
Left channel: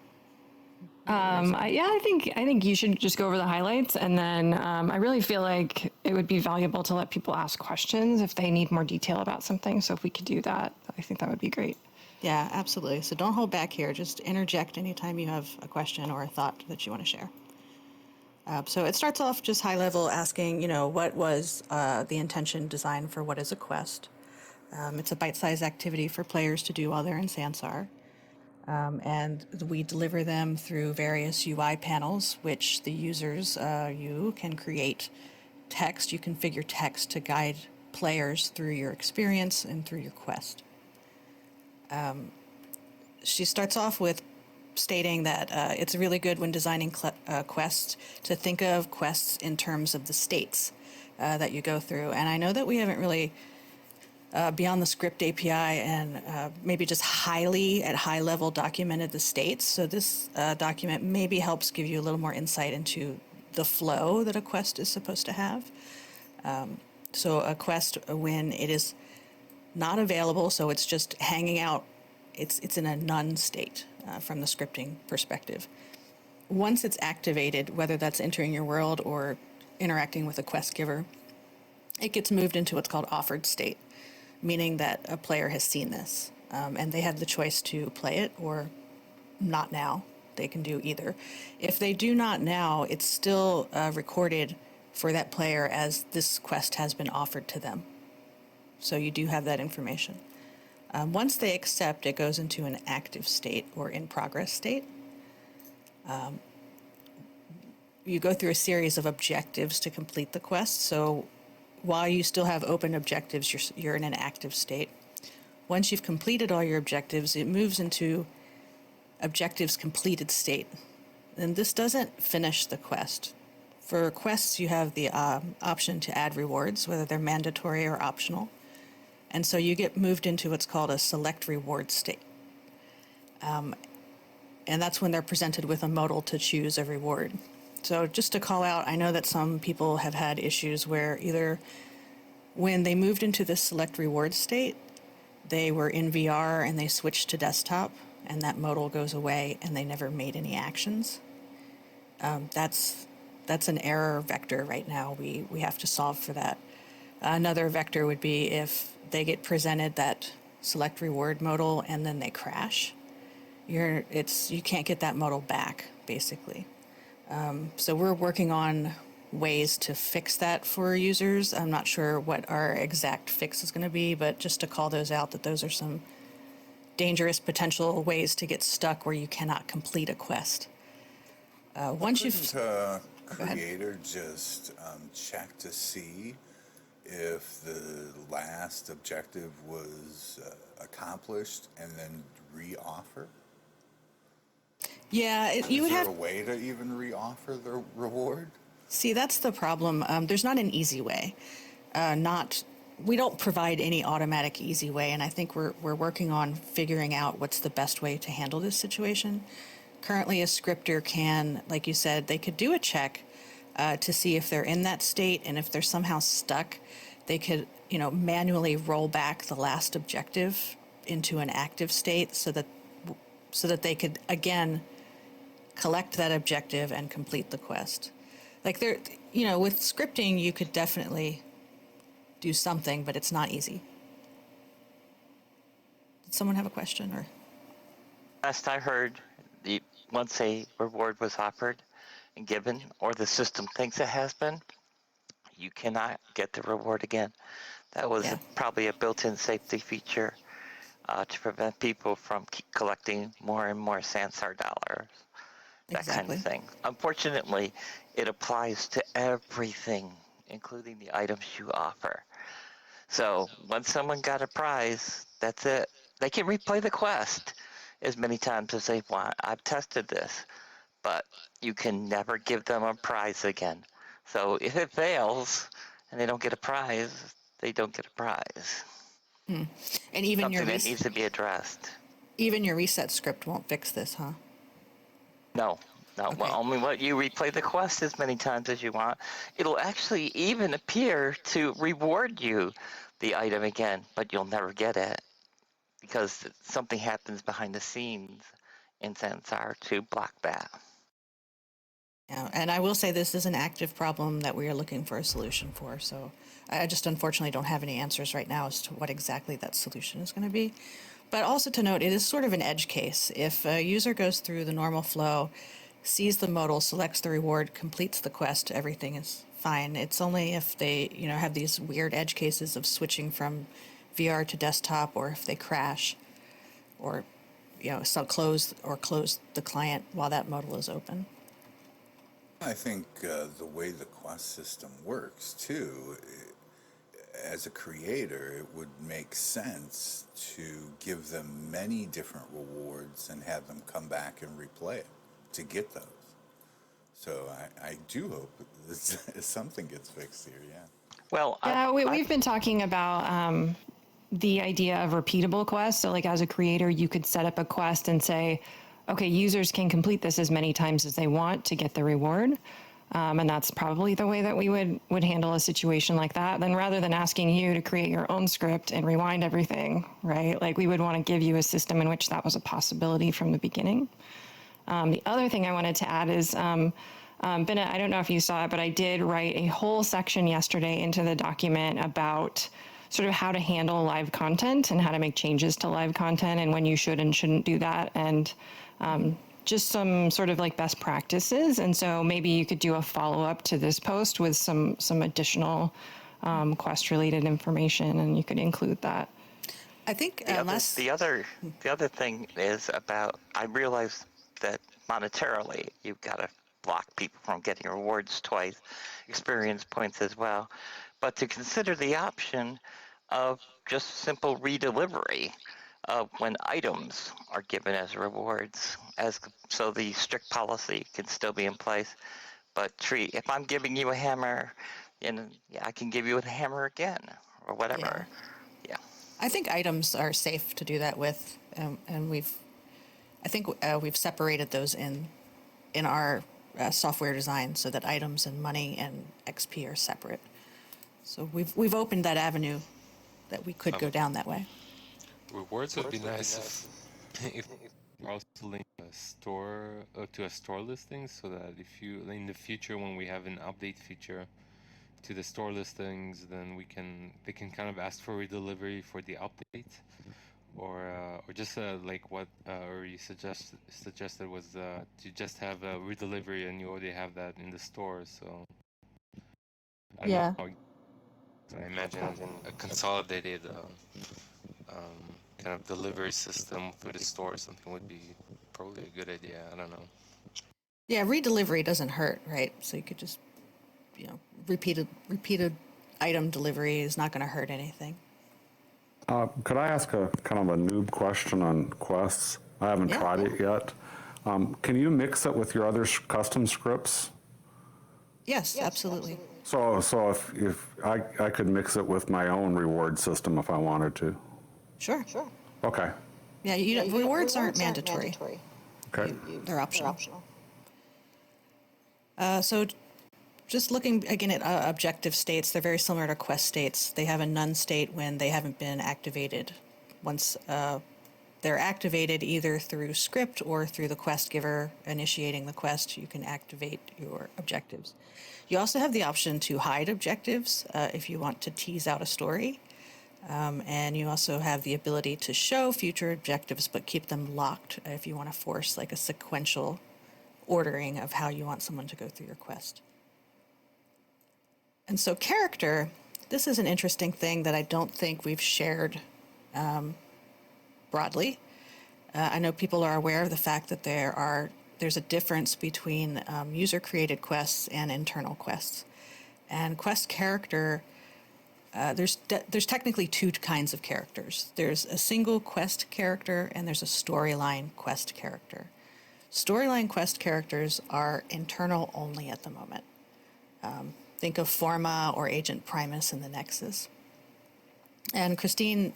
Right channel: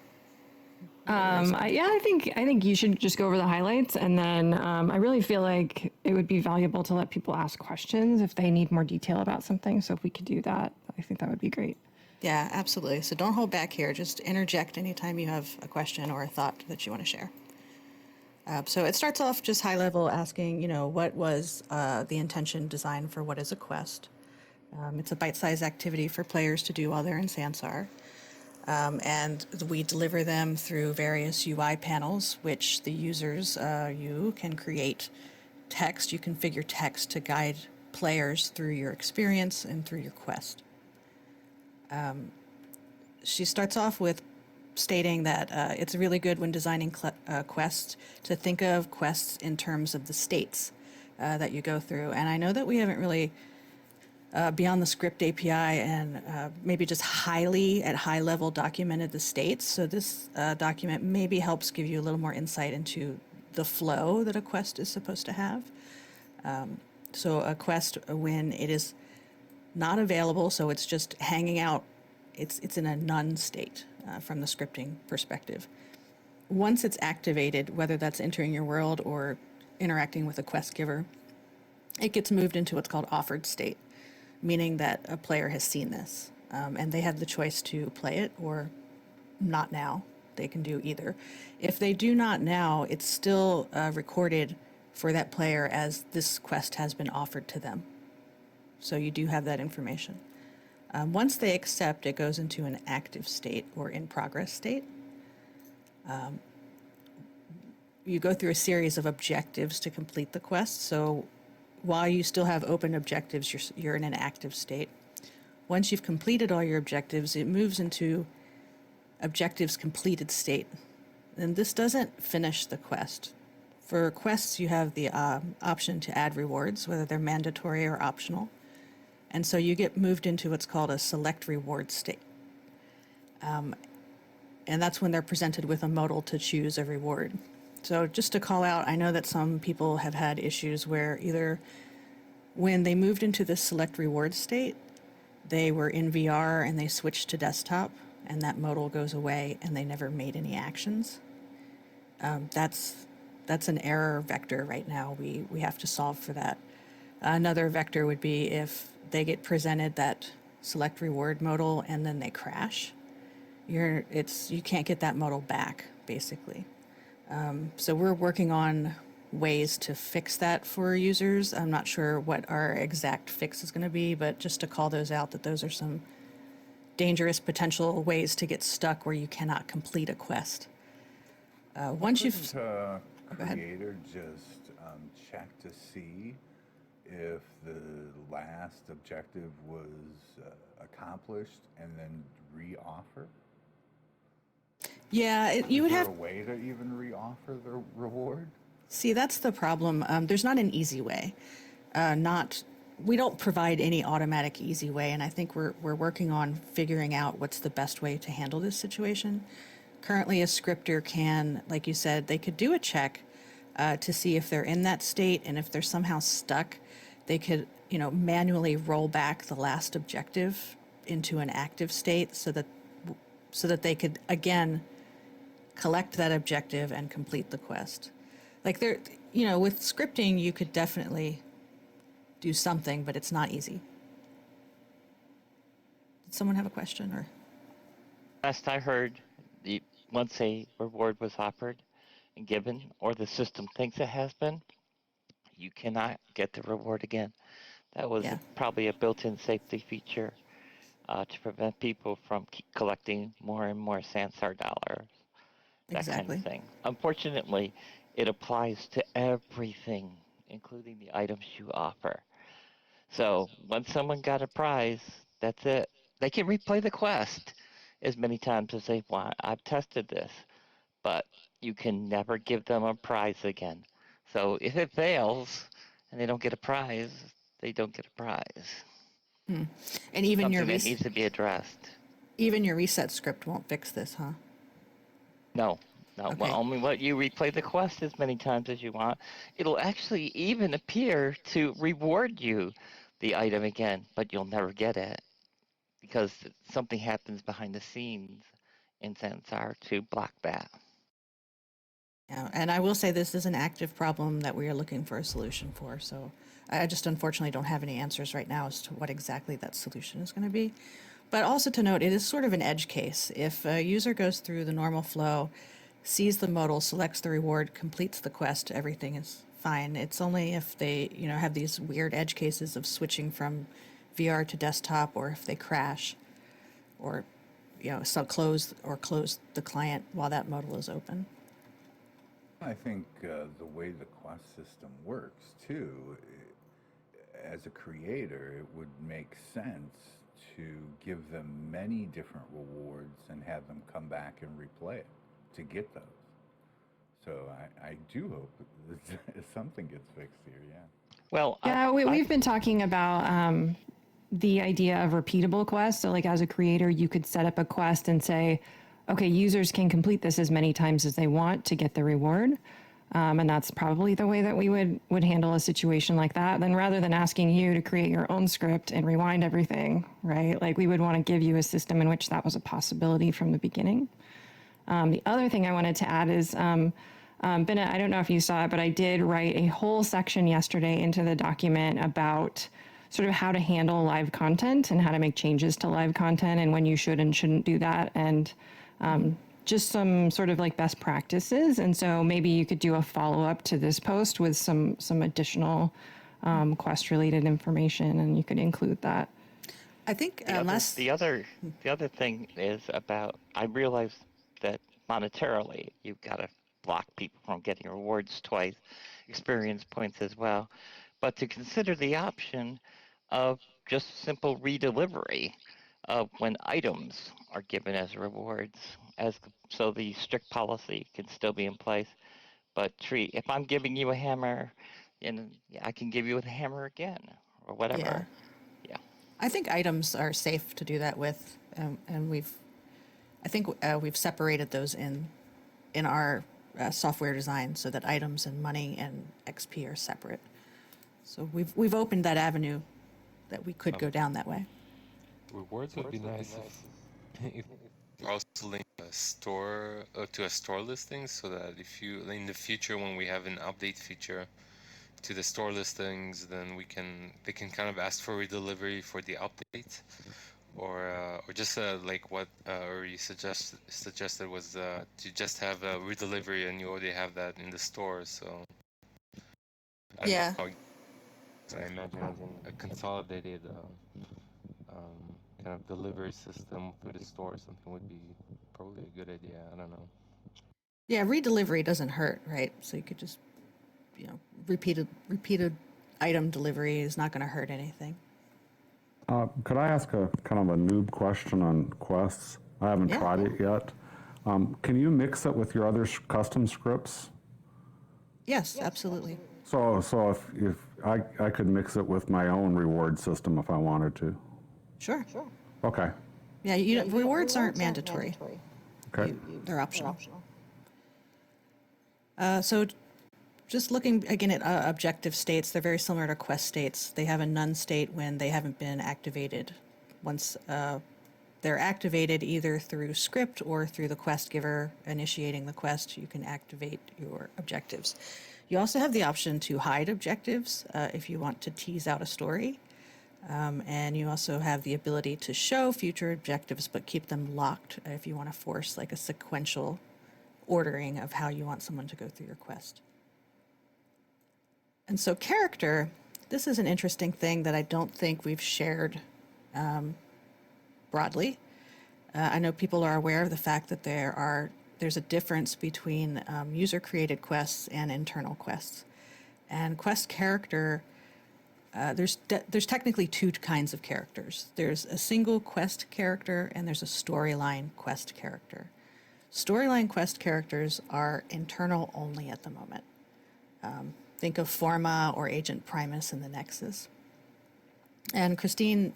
I think you should just go over the highlights, and then I really feel like it would be valuable to let people ask questions if they need more detail about something. So if we could do that, I think that would be great. Yeah, absolutely. So don't hold back here. Just interject anytime you have a question or a thought that you want to share. So it starts off just high level, asking, what was the intention design for what is a quest? It's a bite-sized activity for players to do while they're in Sansar. And we deliver them through various UI panels, which the users, you can create text. You configure text to guide players through your experience and through your quest. She starts off with stating that it's really good when designing quests to think of quests in terms of the states that you go through. And I know that we haven't really, beyond the script API and maybe just at high level documented the states. So this document maybe helps give you a little more insight into the flow that a quest is supposed to have. So a quest, when it is not available, so it's just hanging out, it's in a none state from the scripting perspective. Once it's activated, whether that's entering your world or interacting with a quest giver, it gets moved into what's called offered state, meaning that a player has seen this and they have the choice to play it or not now. They can do either. If they do not now, it's still recorded for that player as this quest has been offered to them. So you do have that information. Once they accept, it goes into an active state or in progress state. You go through a series of objectives to complete the quest. So while you still have open objectives, you're in an active state. Once you've completed all your objectives, it moves into objectives completed state. And this doesn't finish the quest. For quests, you have the option to add rewards, whether they're mandatory or optional. And so you get moved into what's called a select reward state. And that's when they're presented with a modal to choose a reward. So just to call out, I know that some people have had issues where either when they moved into this select reward state, they were in VR and they switched to desktop, and that modal goes away and they never made any actions. That's an error vector right now. We have to solve for that. Another vector would be if they get presented that select reward modal and then they crash. You can't get that modal back, basically. So we're working on ways to fix that for users. I'm not sure what our exact fix is going to be, but just to call those out, that those are some dangerous potential ways to get stuck where you cannot complete a quest. Once you've... Creator just check to see if the last objective was accomplished and then re-offer? Yeah, you would have... Is there a way to even re-offer the reward? See, that's the problem. There's not an easy way. We don't provide any automatic easy way, and I think we're working on figuring out what's the best way to handle this situation. Currently, a scripter can, like you said, they could do a check to see if they're in that state, and if they're somehow stuck, they could, manually roll back the last objective into an active state so that they could again collect that objective and complete the quest. Like with scripting, you could definitely do something, but it's not easy. Did someone have a question or? Last I heard, once a reward was offered and given, or the system thinks it has been, you cannot get the reward again. That was probably a built-in safety feature to prevent people from collecting more and more Sansar dollars, that kind of thing. Unfortunately, it applies to everything, including the items you offer. So once someone got a prize, that's it. They can replay the quest as many times as they want. I've tested this, but you can never give them a prize again. So if it fails and they don't get a prize, they don't get a prize. And even something that needs to be addressed. Even your reset script won't fix this, huh? No. Okay. Well, only let you replay the quest as many times as you want. It'll actually even appear to reward you the item again, but you'll never get it because something happens behind the scenes in Sansar to block that. Yeah, and I will say this is an active problem that we are looking for a solution for. So I just unfortunately don't have any answers right now as to what exactly that solution is going to be. But also to note, it is sort of an edge case. If a user goes through the normal flow, sees the modal, selects the reward, completes the quest, everything is fine. It's only if they, have these weird edge cases of switching from VR to desktop, or if they crash, or close the client while that modal is open. I think the way the quest system works too, as a creator, it would make sense to give them many different rewards and have them come back and replay it to get those. So I do hope that something gets fixed here, yeah. Well, Yeah, we've been talking about the idea of repeatable quests. So like as a creator, you could set up a quest and say, okay, users can complete this as many times as they want to get the reward. And that's probably the way that we would handle a situation like that. Then rather than asking you to create your own script and rewind everything, right? Like we would want to give you a system in which that was a possibility from the beginning. The other thing I wanted to add is, Bennett, I don't know if you saw it, but I did write a whole section yesterday into the document about sort of how to handle live content and how to make changes to live content and when you should and shouldn't do that. And just some sort of like best practices. And so maybe you could do a follow-up to this post with some additional quest related information, and you could include that. I think the other thing is about, I realize that monetarily you've got to block people from getting rewards twice, experience points as well, but to consider the option of just simple redelivery of when items are given as rewards, so the strict policy can still be in place, but if I'm giving you a hammer, and I can give you a hammer again or whatever. Yeah. I think items are safe to do that with, and we've separated those in our software design so that items and money and XP are separate. So we've opened that avenue that we could go down that way. Rewards would be nice if also link a store to a store listing, so that if you in the future when we have an update feature to the store listings, then they can kind of ask for redelivery for the update, or just like what you suggested was to just have a redelivery and you already have that in the store. So I don't know, I imagine a consolidated kind of delivery system through the store or something would be probably a good idea. I don't know. Yeah, redelivery doesn't hurt, right? So you could just, repeated item delivery is not going to hurt anything. Could I ask a kind of a noob question on quests? I haven't tried it yet. Can you mix it with your other custom scripts? Yes, absolutely. So if I could mix it with my own reward system if I wanted to. Sure. Okay. Yeah, rewards aren't mandatory. Okay. They're optional. So just looking again at objective states, they're very similar to quest states. They have a none state when they haven't been activated. Once they're activated either through script or through the quest giver initiating the quest, you can activate your objectives. You also have the option to hide objectives if you want to tease out a story. And you also have the ability to show future objectives but keep them locked if you want to force like a sequential ordering of how you want someone to go through your quest. And so character, this is an interesting thing that I don't think we've shared broadly. I know people are aware of the fact that there's a difference between user-created quests and internal quests. And quest character, there's technically two kinds of characters. There's a single quest character and there's a storyline quest character. Storyline quest characters are internal only at the moment. Think of Forma or Agent Primus in the Nexus. And Christine,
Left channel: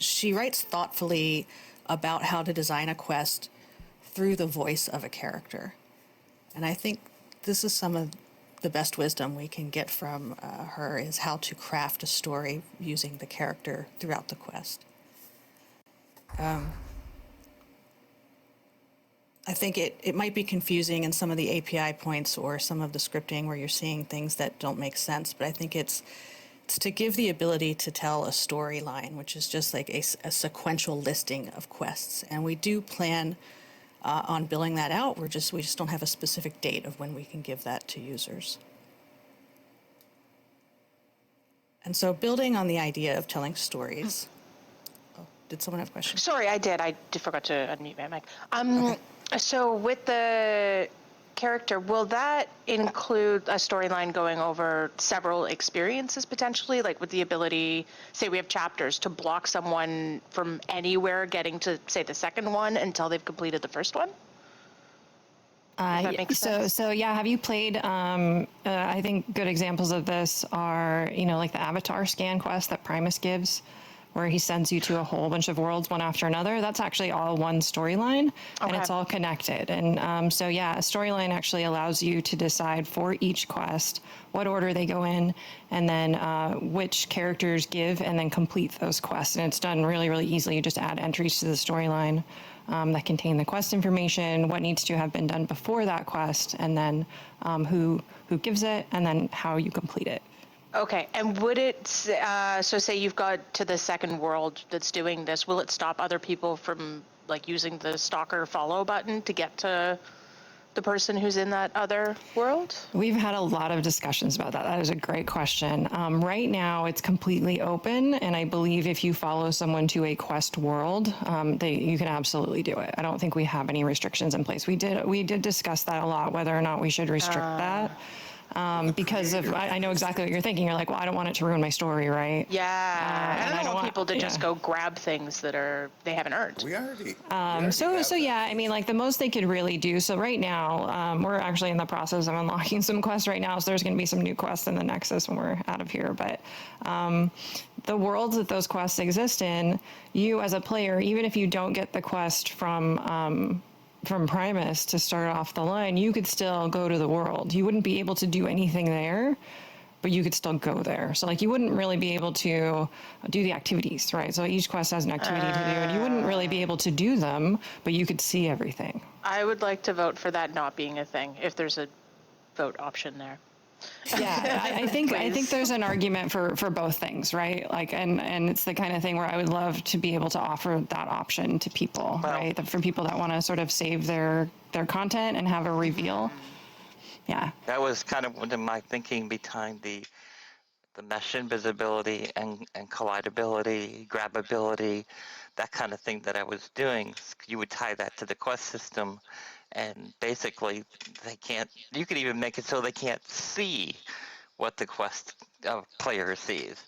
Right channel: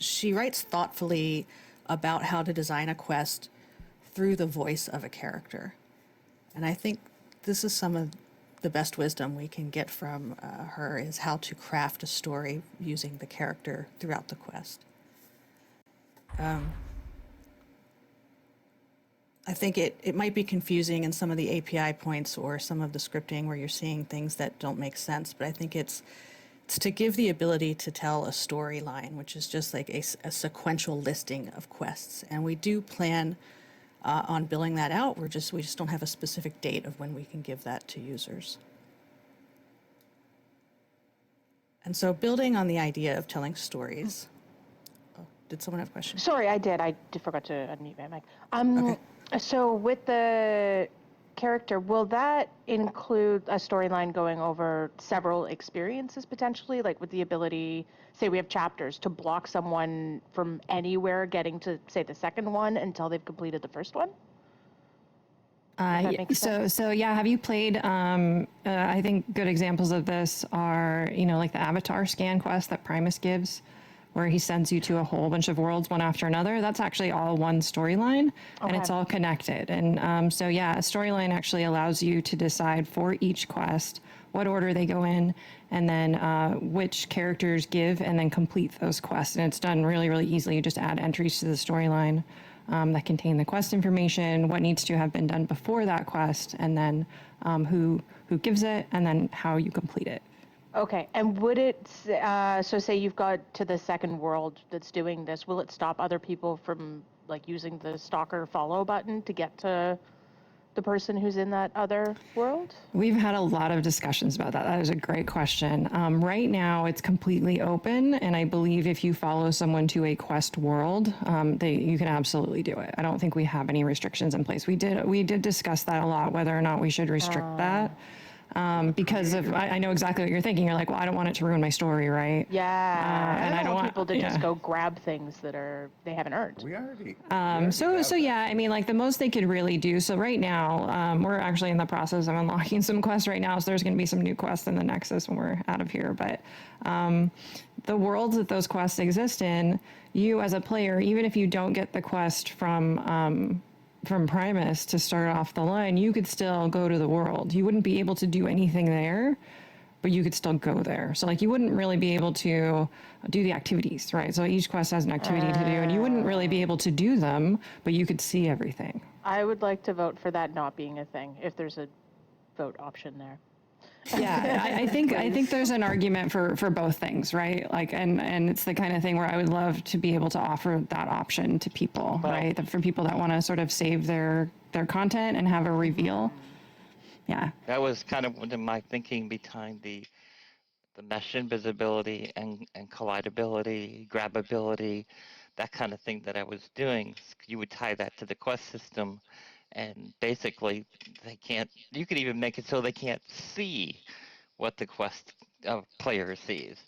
she writes thoughtfully about how to design a quest through the voice of a character. And I think this is some of the best wisdom we can get from her is how to craft a story using the character throughout the quest. I think it might be confusing in some of the API points or some of the scripting where you're seeing things that don't make sense, but I think it's to give the ability to tell a storyline, which is just like a sequential listing of quests. And we do plan on billing that out. We just don't have a specific date of when we can give that to users. And so building on the idea of telling stories. Oh, did someone have a question? Sorry, I did. I forgot to unmute my mic. Okay. So with the character, will that include a storyline going over several experiences potentially? Like with the ability, say we have chapters, to block someone from anywhere getting to, say, the second one until they've completed the first one? So yeah, have you played, I think good examples of this are, like the avatar scan quest that Primus gives, where he sends you to a whole bunch of worlds one after another. That's actually all one storyline, and it's all connected. And so yeah, a storyline actually allows you to decide for each quest what order they go in, and then which characters give and then complete those quests. And it's done really, really easily. You just add entries to the storyline that contain the quest information, what needs to have been done before that quest, and then who gives it, and then how you complete it. Okay, and would it, so say you've got to the second world that's doing this, will it stop other people from like using the stalker follow button to get to the person who's in that other world? We've had a lot of discussions about that. That is a great question. Right now, it's completely open, and I believe if you follow someone to a quest world, you can absolutely do it. I don't think we have any restrictions in place. We did discuss that a lot, whether or not we should restrict that. Because I know exactly what you're thinking. You're like, well, I don't want it to ruin my story, right? Yeah, and I don't want people to just go grab things that they haven't earned. We already. So yeah, I mean, like the most they could really do. So right now, we're actually in the process of unlocking some quests right now. So there's going to be some new quests in the Nexus when we're out of here. But the worlds that those quests exist in, you as a player, even if you don't get the quest from Primus to start off the line, you could still go to the world. You wouldn't be able to do anything there, but you could still go there. So like you wouldn't really be able to do the activities, right? So each quest has an activity to do, and you wouldn't really be able to do them, but you could see everything. I would like to vote for that not being a thing, if there's a vote option there. Yeah, I think there's an argument for both things, right? Like, and it's the kind of thing where I would love to be able to offer that option to people, right? For people that want to sort of save their content and have a reveal. Yeah. That was kind of one of my thinking behind the mesh invisibility and collidability, grabbability, that kind of thing that I was doing. You would tie that to the quest system, and basically you could even make it so they can't see what the quest player sees.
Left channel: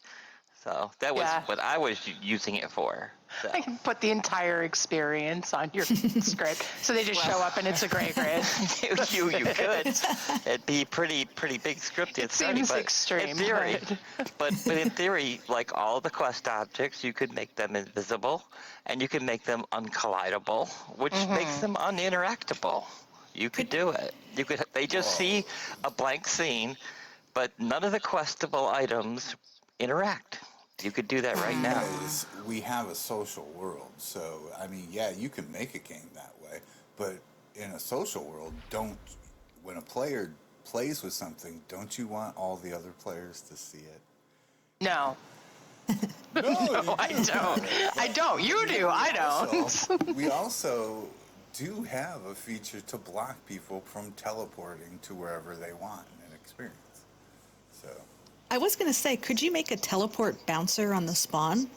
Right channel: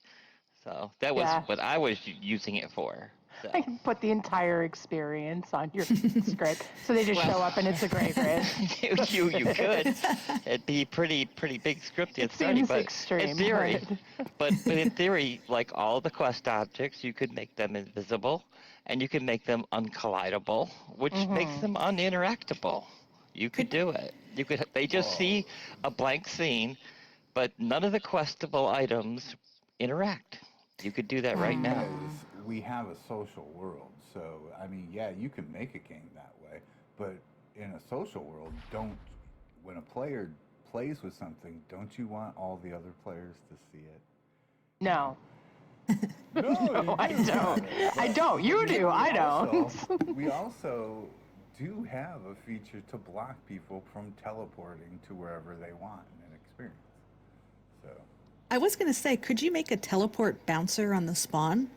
So that was what I was using it for. So. I can put the entire experience on your script, so they just show up and it's a gray grid. you could. It'd be pretty big script. It seems extreme. In theory, but in theory, like all the quest objects, you could make them invisible, and you could make them uncollidable, which makes them uninteractable. You could do it. They just see a blank scene, but none of the questable items interact. You could do that right now. We have a social world, so I mean, yeah, you can make a game that way, but in a social world, when a player plays with something, don't you want all the other players to see it? No. No, I don't. I don't. You do. I don't. We also do have a feature to block people from teleporting to wherever they want in an experience. So I was going to say, could you make a teleport bouncer on the spawn?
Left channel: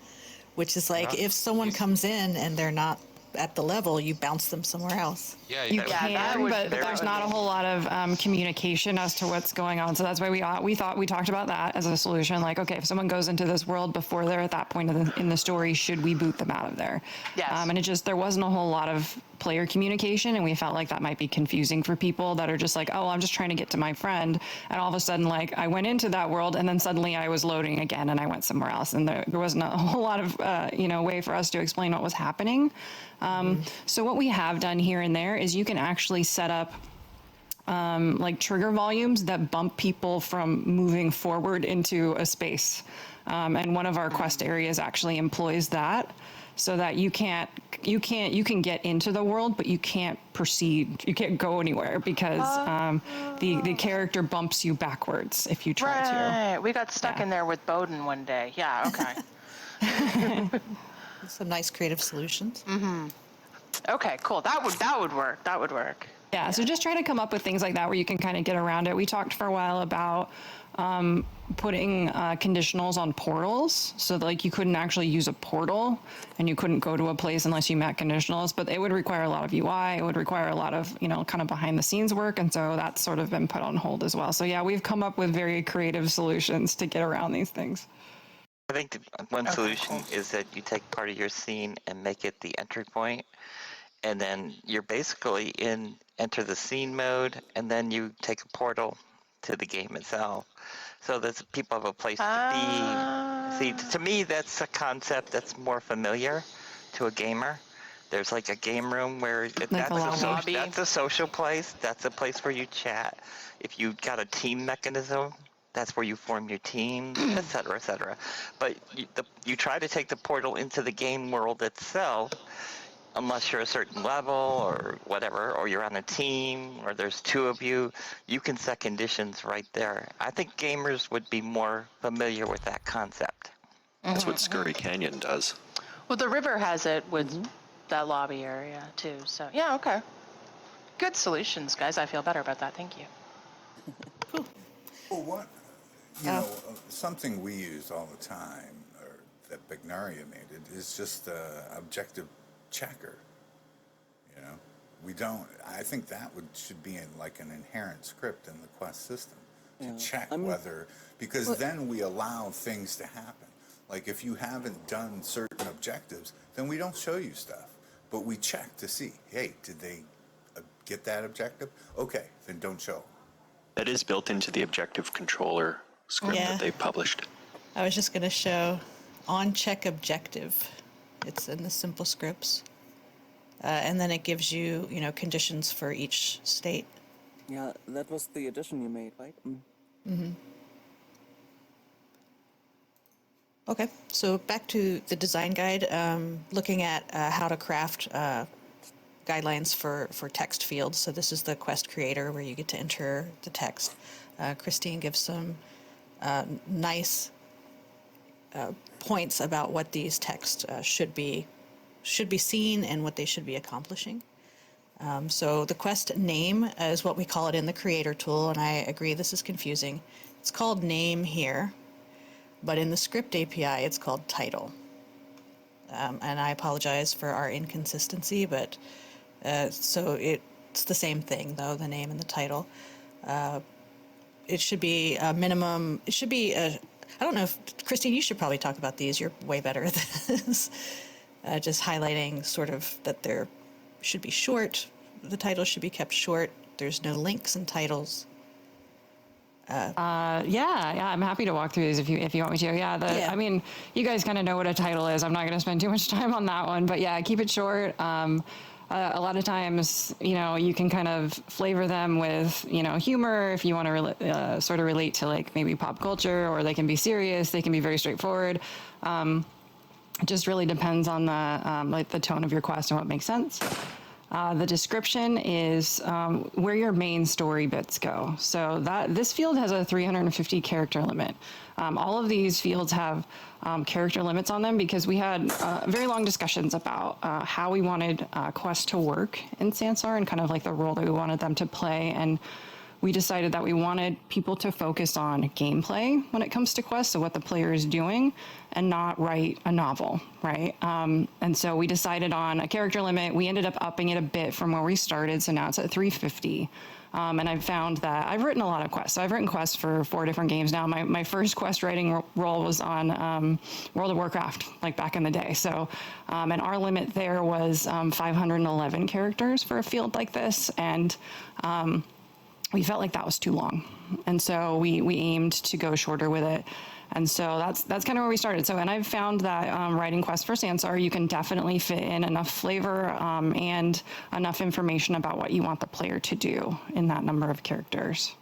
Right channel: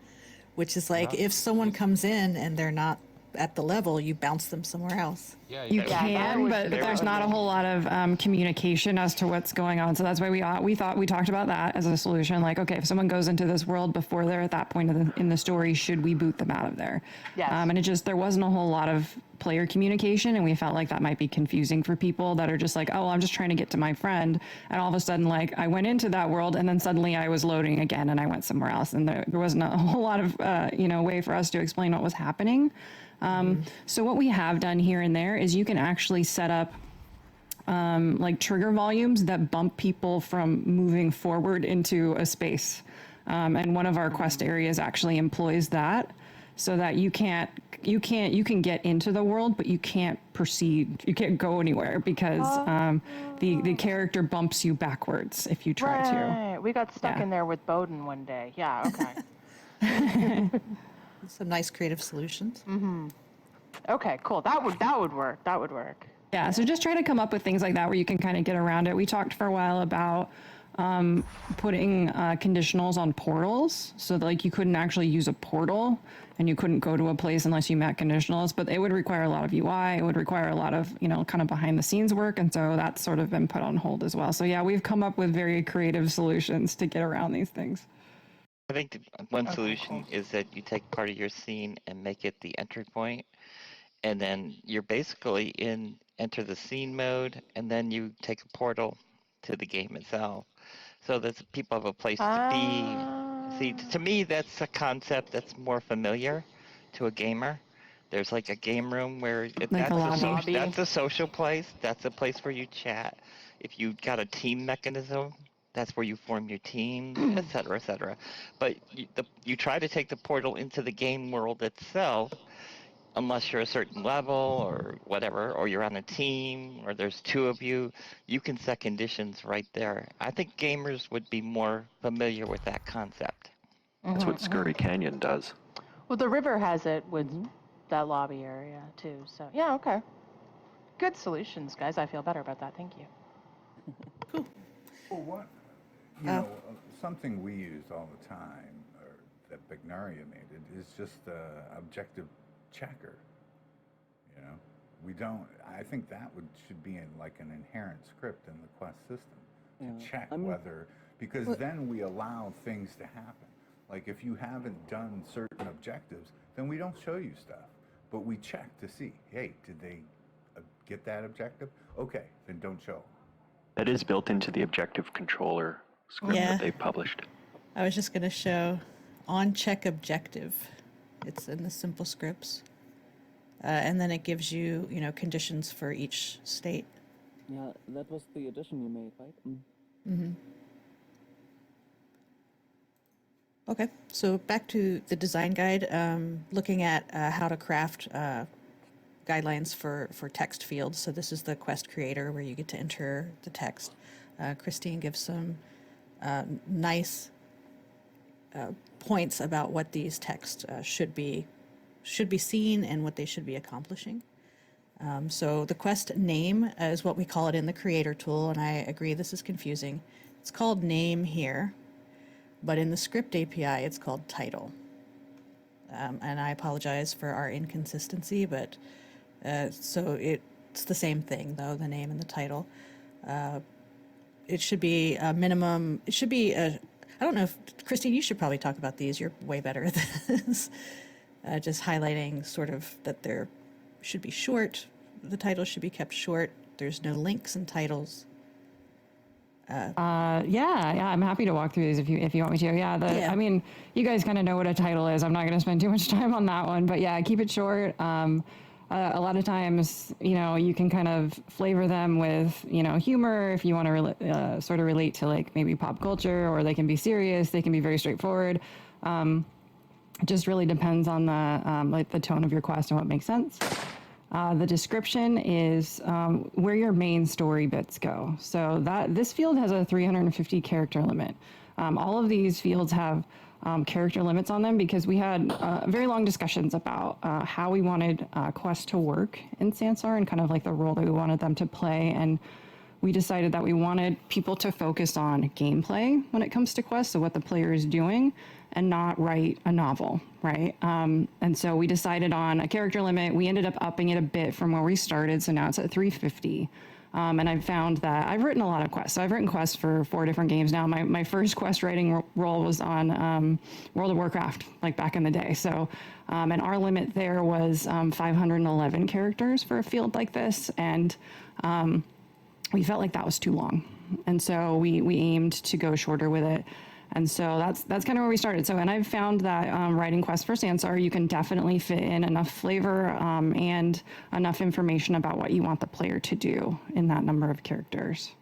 Which is like, if someone comes in and they're not at the level, you bounce them somewhere else. Yeah, You can, but there's not a whole lot of communication as to what's going on. So that's why we talked about that as a solution. Like, okay, if someone goes into this world before they're at that point in the story, should we boot them out of there? Yes. And there wasn't a whole lot of player communication, and we felt like that might be confusing for people that are just like, oh, I'm just trying to get to my friend, and all of a sudden, like, I went into that world, and then suddenly I was loading again, and I went somewhere else, and there wasn't a whole lot of way for us to explain what was happening. So what we have done here and there is you can actually set up like trigger volumes that bump people from moving forward into a space. And one of our quest areas actually employs that, so that you can get into the world, but you can't proceed. You can't go anywhere because the character bumps you backwards if you try to. Right. We got stuck in there with Bowden one day. Yeah. Okay. Some nice creative solutions. Okay. Cool. That would work. That would work. Yeah, so just try to come up with things like that where you can kind of get around it. We talked for a while about putting conditionals on portals, so that, like, you couldn't actually use a portal and you couldn't go to a place unless you met conditionals, but it would require a lot of UI, it would require a lot of, kind of behind the scenes work, and so that's sort of been put on hold as well. So yeah, we've come up with very creative solutions to get around these things. I think one solution is that you take part of your scene and make it the entry point, and then you're basically in enter the scene mode, and then you take a portal to the game itself, so that people have a place to be. See, to me, that's a concept that's more familiar to a gamer. There's like a game room where Like a lobby. that's a social place. That's a place where you chat. If you've got a team mechanism, that's where you form your team, et cetera, et cetera. But you try to take the portal into the game world itself, unless you're a certain level or whatever, or you're on a team, or there's two of you, you can set conditions right there. I think gamers would be more familiar with that concept. That's what Scurry Canyon does. Well, the river has it with that lobby area too. So yeah, okay. Good solutions, guys. I feel better about that. Thank you. Cool. Well, what, you know, something we use all the time, or that Bignaria made it, is just the objective checker. You know, we don't. I think that should be in like an inherent script in the quest system to check whether, because then we allow things to happen. Like if you haven't done certain objectives, then we don't show you stuff, but we check to see, hey, did they get that objective? Okay, then don't show. That is built into the objective controller script that they published. I was just going to show on check objective. It's in the simple scripts. And then it gives you, conditions for each state. Yeah, that was the addition you made, right? Mm-hmm. Okay, so back to the design guide, looking at how to craft guidelines for text fields. So this is the quest creator where you get to enter the text. Christine gives some nice points about what these texts should be seen and what they should be accomplishing. So the quest name is what we call it in the creator tool, and I agree this is confusing. It's called name here, but in the script API it's called title. And I apologize for our inconsistency, but so it's the same thing though, the name and the title. It should be a minimum, it should be I don't know if, Christine, you should probably talk about these. You're way better at this. Just highlighting sort of that there should be short. The title should be kept short. There's no links in titles. Yeah, I'm happy to walk through these if you want me to. I mean, you guys kind of know what a title is. I'm not going to spend too much time on that one, but yeah, keep it short. A lot of times, you can kind of flavor them with, humor if you want to sort of relate to like maybe pop culture, or they can be serious. They can be very straightforward. It just really depends on the tone of your quest and what makes sense. The description is where your main story bits go. So this field has a 350 character limit. All of these fields have character limits on them because we had very long discussions about how we wanted quests to work in Sansar and kind of like the role that we wanted them to play. And we decided that we wanted people to focus on gameplay when it comes to quests, so what the player is doing, and not write a novel, right? And so we decided on a character limit. We ended up upping it a bit from where we started, so now it's at 350. And I've found that I've written a lot of quests. So I've written quests for 4 different games now. My first quest writing role was on World of Warcraft, like back in the day. So, and our limit there was 511 characters for a field like this. And we felt like that was too long. And so we aimed to go shorter with it. And so that's kind of where we started. So, and I've found that writing quests for Sansar, you can definitely fit in enough flavor and enough information about what you want the player to do in that number of characters.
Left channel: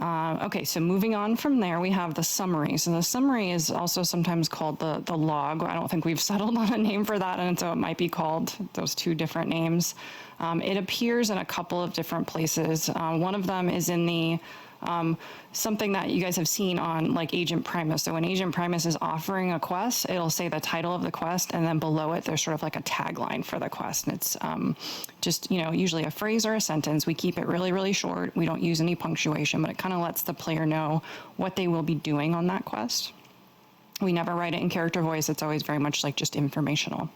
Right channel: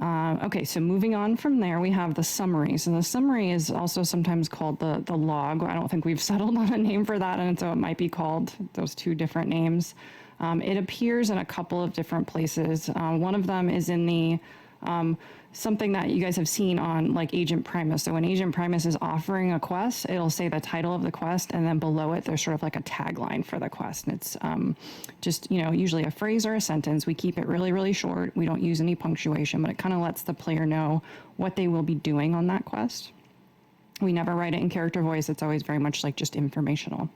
Okay, so moving on from there, we have the summary. So the summary is also sometimes called the log. I don't think we've settled on a name for that, and so it might be called those two different names. It appears in a couple of different places. One of them is in the something that you guys have seen on like Agent Primus. So when Agent Primus is offering a quest, it'll say the title of the quest, and then below it, there's sort of like a tagline for the quest. And it's just, usually a phrase or a sentence. We keep it really, really short. We don't use any punctuation, but it kind of lets the player know what they will be doing on that quest. We never write it in character voice. It's always very much like just informational.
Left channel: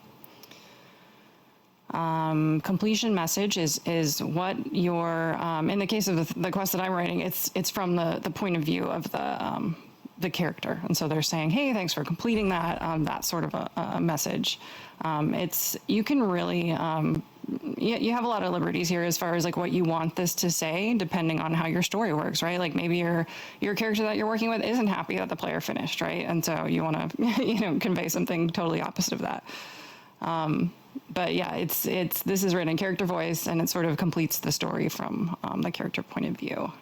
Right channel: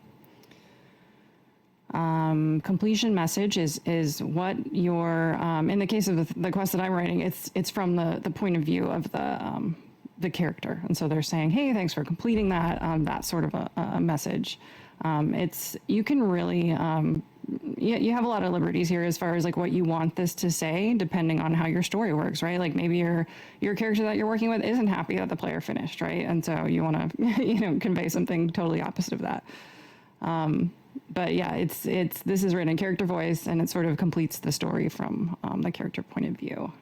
Completion message is what your, in the case of the quest that I'm writing, it's from the point of view of the character. And so they're saying, hey, thanks for completing that sort of a message. You can really, you have a lot of liberties here as far as like what you want this to say, depending on how your story works, right? Like maybe your character that you're working with isn't happy that the player finished, right? And so you want to, convey something totally opposite of that. But yeah, this is written in character voice, and it sort of completes the story from the character point of view.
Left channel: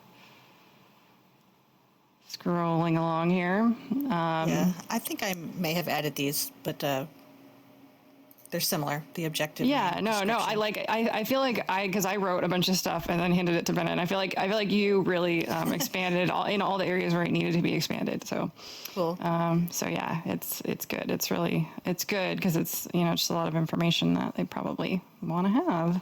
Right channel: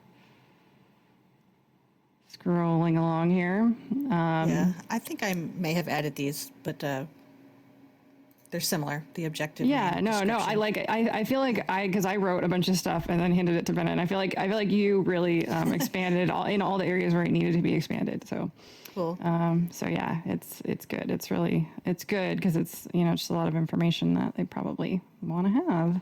Scrolling along here. Yeah, I think I may have added these, but they're similar. The objective. Yeah, no, I feel like because I wrote a bunch of stuff and then handed it to Bennett. And I feel like you really expanded in all the areas where it needed to be expanded. So cool. So yeah, it's good. It's good because it's just a lot of information that they probably want to have.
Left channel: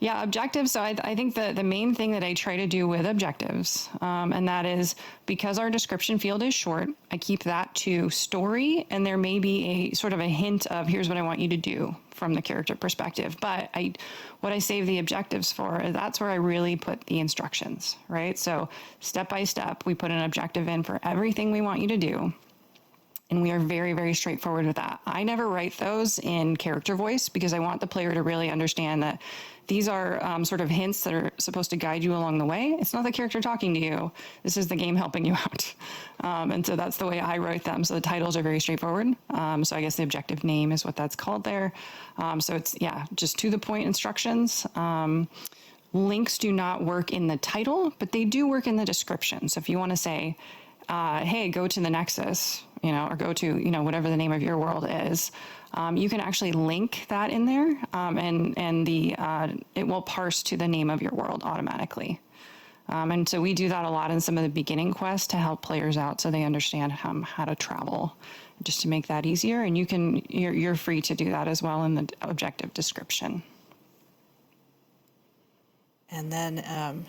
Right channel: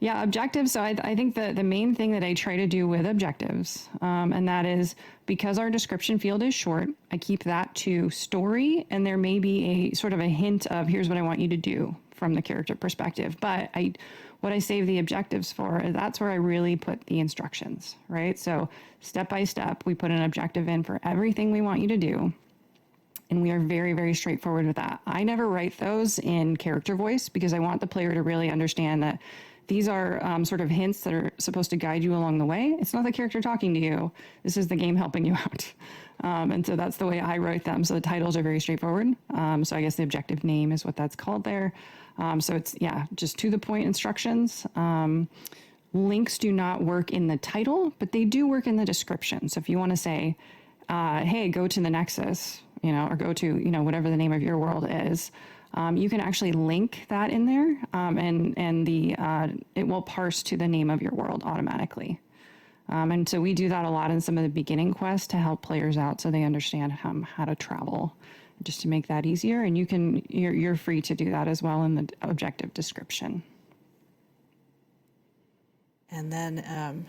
Yeah, objectives. So I think the main thing that I try to do with objectives, and that is because our description field is short, I keep that to story, and there may be a sort of a hint of here's what I want you to do from the character perspective. But what I save the objectives for, that's where I really put the instructions, right? So step by step, we put an objective in for everything we want you to do. And we are very, very straightforward with that. I never write those in character voice because I want the player to really understand that these are sort of hints that are supposed to guide you along the way. It's not the character talking to you. This is the game helping you out. And so that's the way I write them. So the titles are very straightforward. So I guess the objective name is what that's called there. So it's, just to the point instructions. Links do not work in the title, but they do work in the description. So if you want to say, hey, go to the Nexus, or go to, whatever the name of your world is, you can actually link that in there, and it will parse to the name of your world automatically. And so we do that a lot in some of the beginning quests to help players out so they understand how to travel, just to make that easier. And you're free to do that as well in the objective description. And then,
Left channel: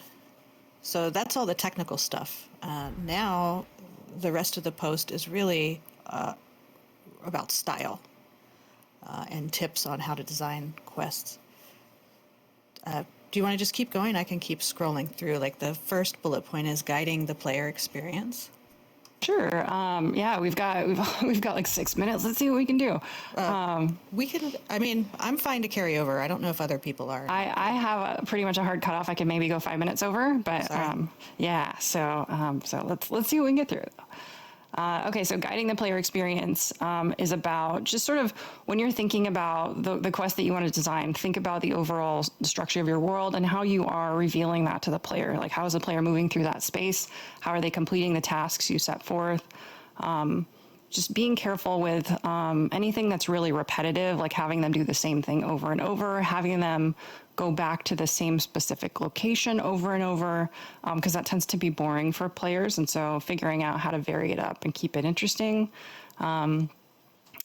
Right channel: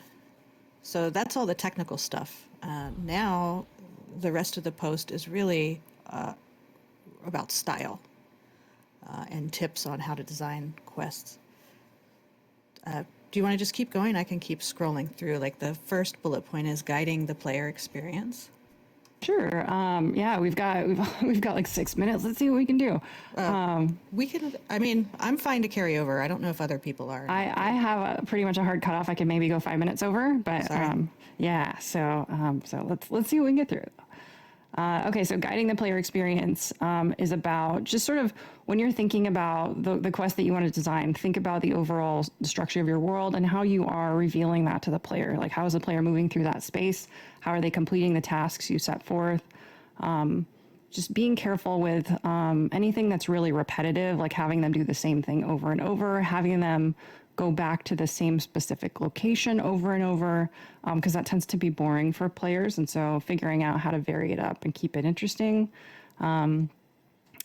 so that's all the technical stuff. Now, the rest of the post is really about style and tips on how to design quests. Do you want to just keep going? I can keep scrolling through. Like the first bullet point is guiding the player experience. Sure. Yeah, we've got like 6 minutes. Let's see what we can do. We can. I mean, I'm fine to carry over. I don't know if other people are. I have pretty much a hard cutoff. I can maybe go 5 minutes over, but yeah. So let's see what we can get through. Okay, so guiding the player experience is about just sort of when you're thinking about the quest that you want to design, think about the overall structure of your world and how you are revealing that to the player. Like, how is the player moving through that space? How are they completing the tasks you set forth? Just being careful with anything that's really repetitive, like having them do the same thing over and over, having them go back to the same specific location over and over, because that tends to be boring for players. And so figuring out how to vary it up and keep it interesting. And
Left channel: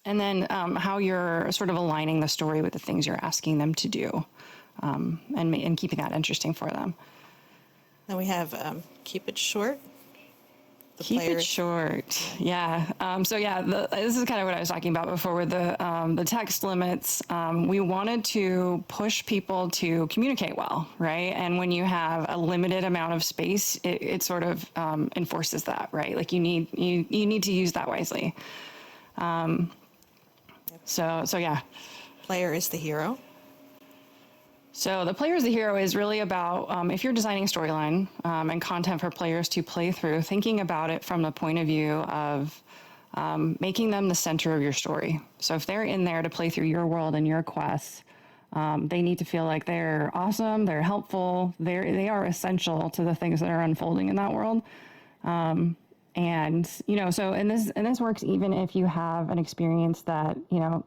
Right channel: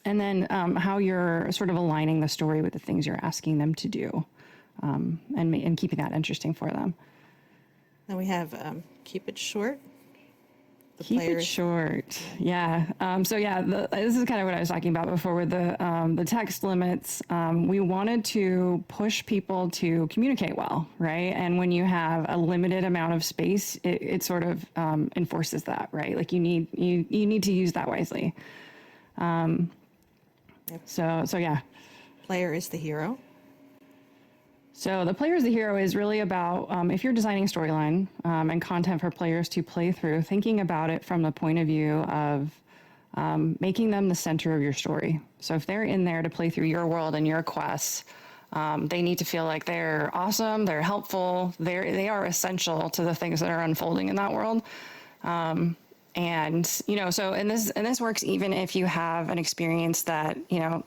then how you're sort of aligning the story with the things you're asking them to do, and keeping that interesting for them. Then we have keep it short. Keep it short. Yeah. So yeah, this is kind of what I was talking about before with the text limits. We wanted to push people to communicate well, right? And when you have a limited amount of space, it sort of enforces that, right? Like you need to use that wisely. So yeah. Player is the hero. So the player's the hero is really about, if you're designing a storyline and content for players to play through, thinking about it from the point of view of making them the center of your story. So if they're in there to play through your world and your quests, they need to feel like they're awesome, they're helpful, they are essential to the things that are unfolding in that world. And, so, and this works even if you have an experience that,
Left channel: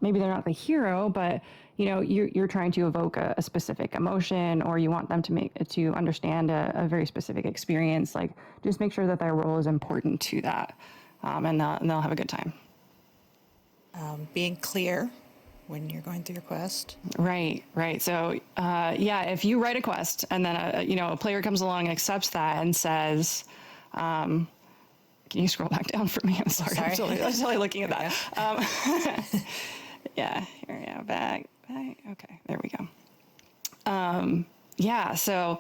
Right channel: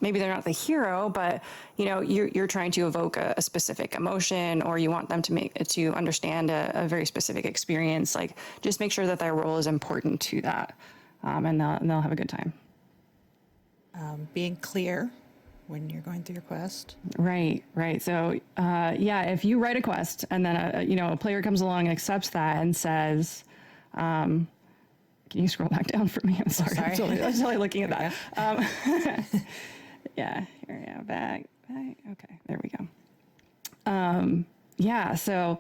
maybe they're not the hero, but, you're trying to evoke a specific emotion, or you want them to understand a very specific experience. Like, just make sure that their role is important to that. And they'll have a good time. Being clear when you're going through your quest. Right. So, if you write a quest and then, a player comes along and accepts that and says, can you scroll back down for me? I'm sorry. I was totally looking at that. Here we go. Back. Okay, there we go. So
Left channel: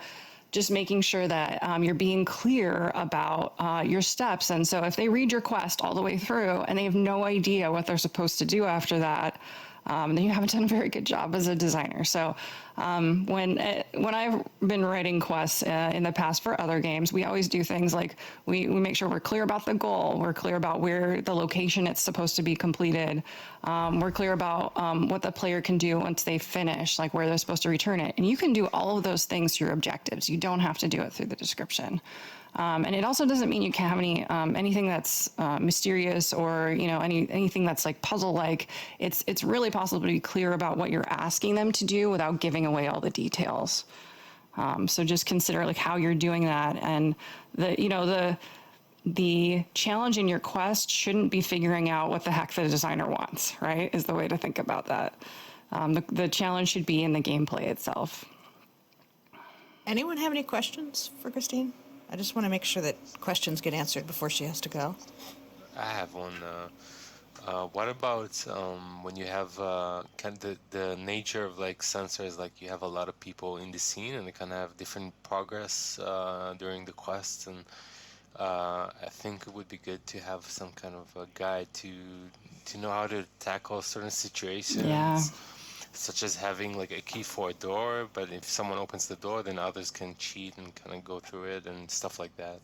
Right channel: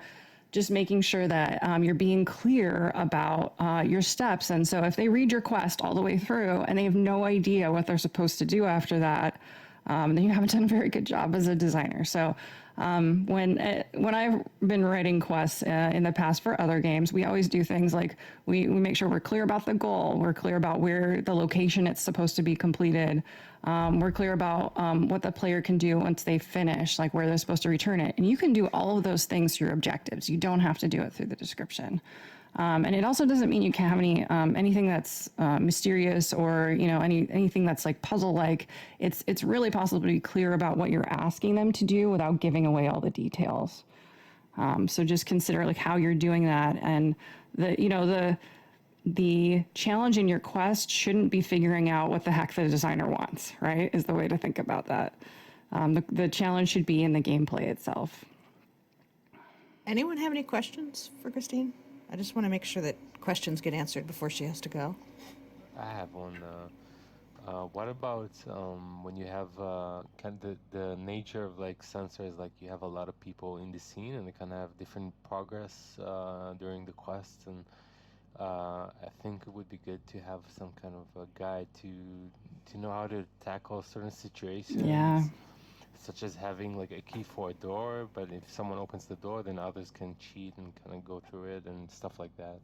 just making sure that you're being clear about your steps. And so if they read your quest all the way through and they have no idea what they're supposed to do after that, then you haven't done a very good job as a designer. So when I've been writing quests in the past for other games, we always do things like we make sure we're clear about the goal. We're clear about where the location it's supposed to be completed. We're clear about what the player can do once they finish, like where they're supposed to return it. And you can do all of those things through objectives. You don't have to do it through the description. And it also doesn't mean you can't have anything that's mysterious or anything that's like puzzle-like. It's really possible to be clear about what you're asking them to do without giving away all the details. So just consider like how you're doing that, and the challenge in your quest shouldn't be figuring out what the heck the designer wants. Right, is the way to think about that. The challenge should be in the gameplay itself. Anyone have any questions for Christine? I just want to make sure that questions get answered before she has to go. I have one. What about when you have kind of the nature of like Sansar is like you have a lot of people in the scene and they kind of have different progress during the quests, and I think it would be good to have some kind of a guide to know how to tackle certain situations. Yeah. Such as having like a key for a door, but if someone opens the door, then others can cheat and kind of go through it and stuff like that.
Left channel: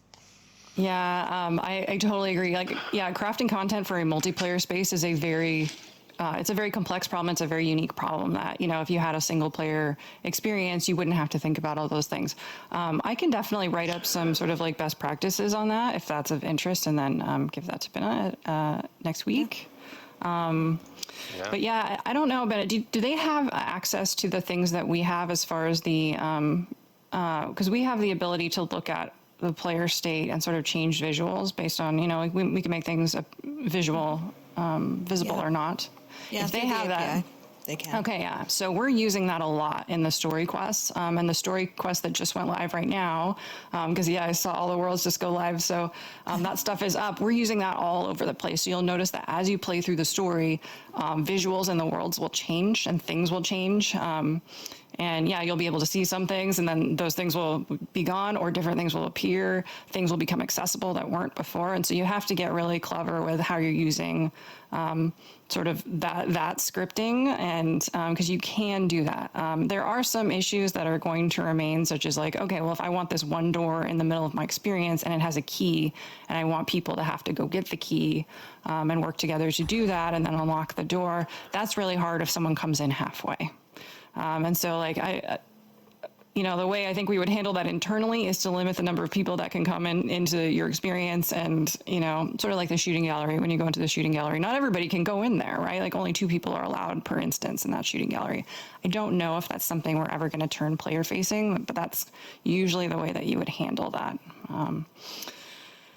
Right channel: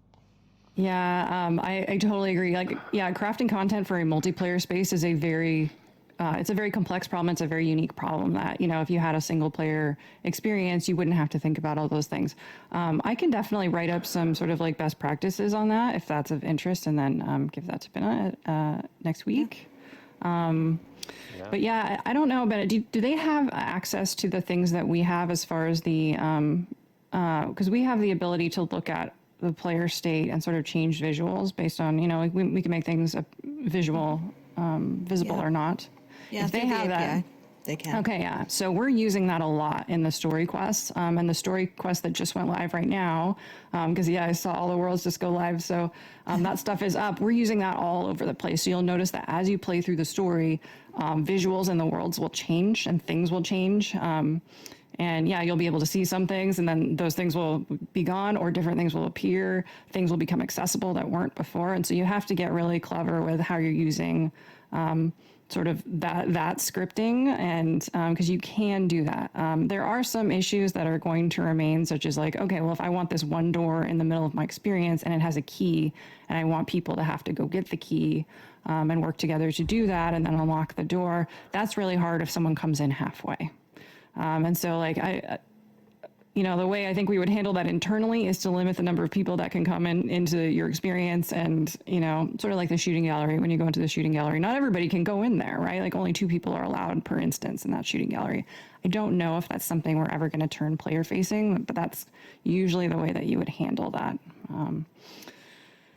Yeah, I totally agree. Like, crafting content for a multiplayer space is it's a very complex problem. It's a very unique problem that, if you had a single player experience, you wouldn't have to think about all those things. I can definitely write up some sort of like best practices on that if that's of interest, and then give that to Binna next week. But I don't know about it. Do they have access to the things that we have as far as the, because we have the ability to look at the player state and sort of change visuals based on, like we can make things visible or not. Yeah, if they have that, they can. Okay, yeah. So we're using that a lot in the story quests, and the story quest that just went live right now, because I saw all the worlds just go live. So that stuff is up. We're using that all over the place. So you'll notice that as you play through the story, visuals in the worlds will change and things will change. And you'll be able to see some things, and then those things will be gone, or different things will appear. Things will become accessible that weren't before. And so you have to get really clever with how you're using sort of that scripting, and because you can do that. There are some issues that are going to remain, such as like, okay, well, if I want this one door in the middle of my experience and it has a key, and I want people to have to go get the key and work together to do that and then unlock the door, that's really hard if someone comes in halfway. And so like the way I think we would handle that internally is to limit the number of people that can come into your experience, and, sort of like the shooting gallery. When you go into the shooting gallery, not everybody can go in there, right? Like only 2 people are allowed per instance in that shooting gallery. I don't know if that's something we're ever going to turn player facing, but that's usually the way that you would handle that.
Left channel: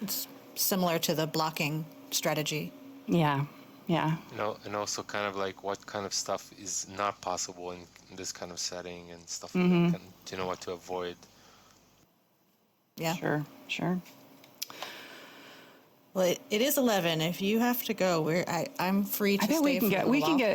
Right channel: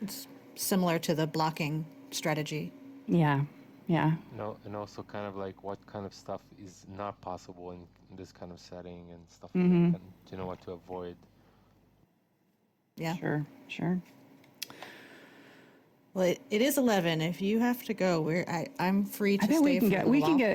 It's similar to the blocking strategy. Yeah. And also kind of like what kind of stuff is not possible in this kind of setting and stuff like that, to know what to avoid. Yeah. Sure. Well, it is 11. If you have to go, I'm free to stay. I think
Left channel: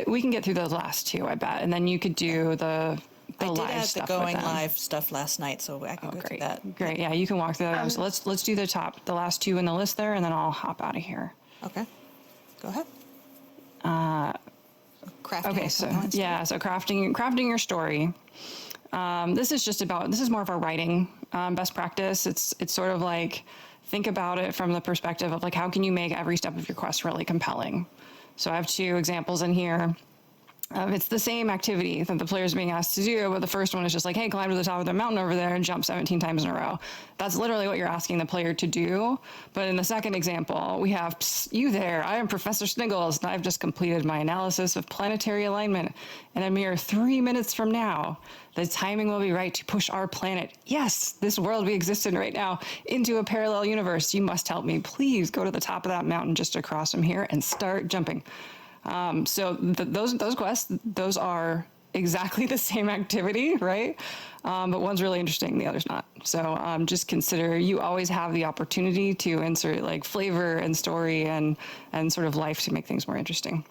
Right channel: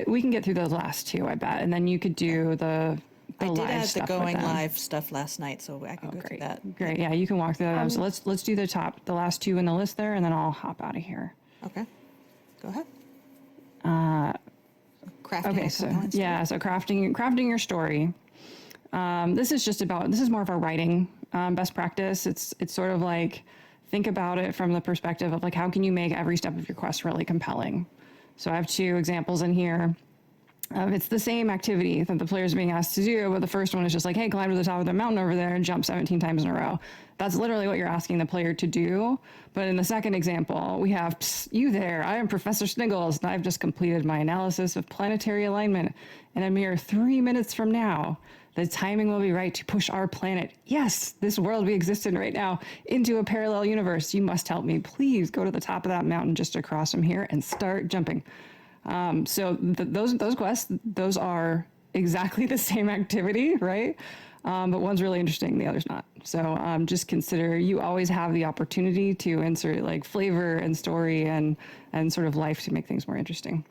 we can get through those last 2, I bet, and then you could do the I live did add stuff the going with them. live stuff last night, so I can go through that. Great. Yeah, you can walk through that. So let's do the last 2 in the list there, and then I'll hop out of here. Okay. Go ahead. Crafting. Okay, so crafting your story. this is more of a writing best practice. It's sort of like, think about it from the perspective of like, how can you make every step of your quest really compelling? So I have 2 examples in here. It's the same activity that the player is being asked to do, but the first one is just like, hey, climb to the top of the mountain over there and jump 17 times in a row. That's literally what you're asking the player to do. But in the second example, we have, you there, I am Professor Sniggles, and I've just completed my analysis of planetary alignment. And a mere 3 minutes from now, the timing will be right to push our planet, yes, this world we exist in right now, into a parallel universe. You must help me. Please go to the top of that mountain just across from here and start jumping. So those quests, those are exactly the same activity, right? But one's really interesting, the other's not. So just consider you always have the opportunity to insert like flavor and story and sort of life to make things more interesting.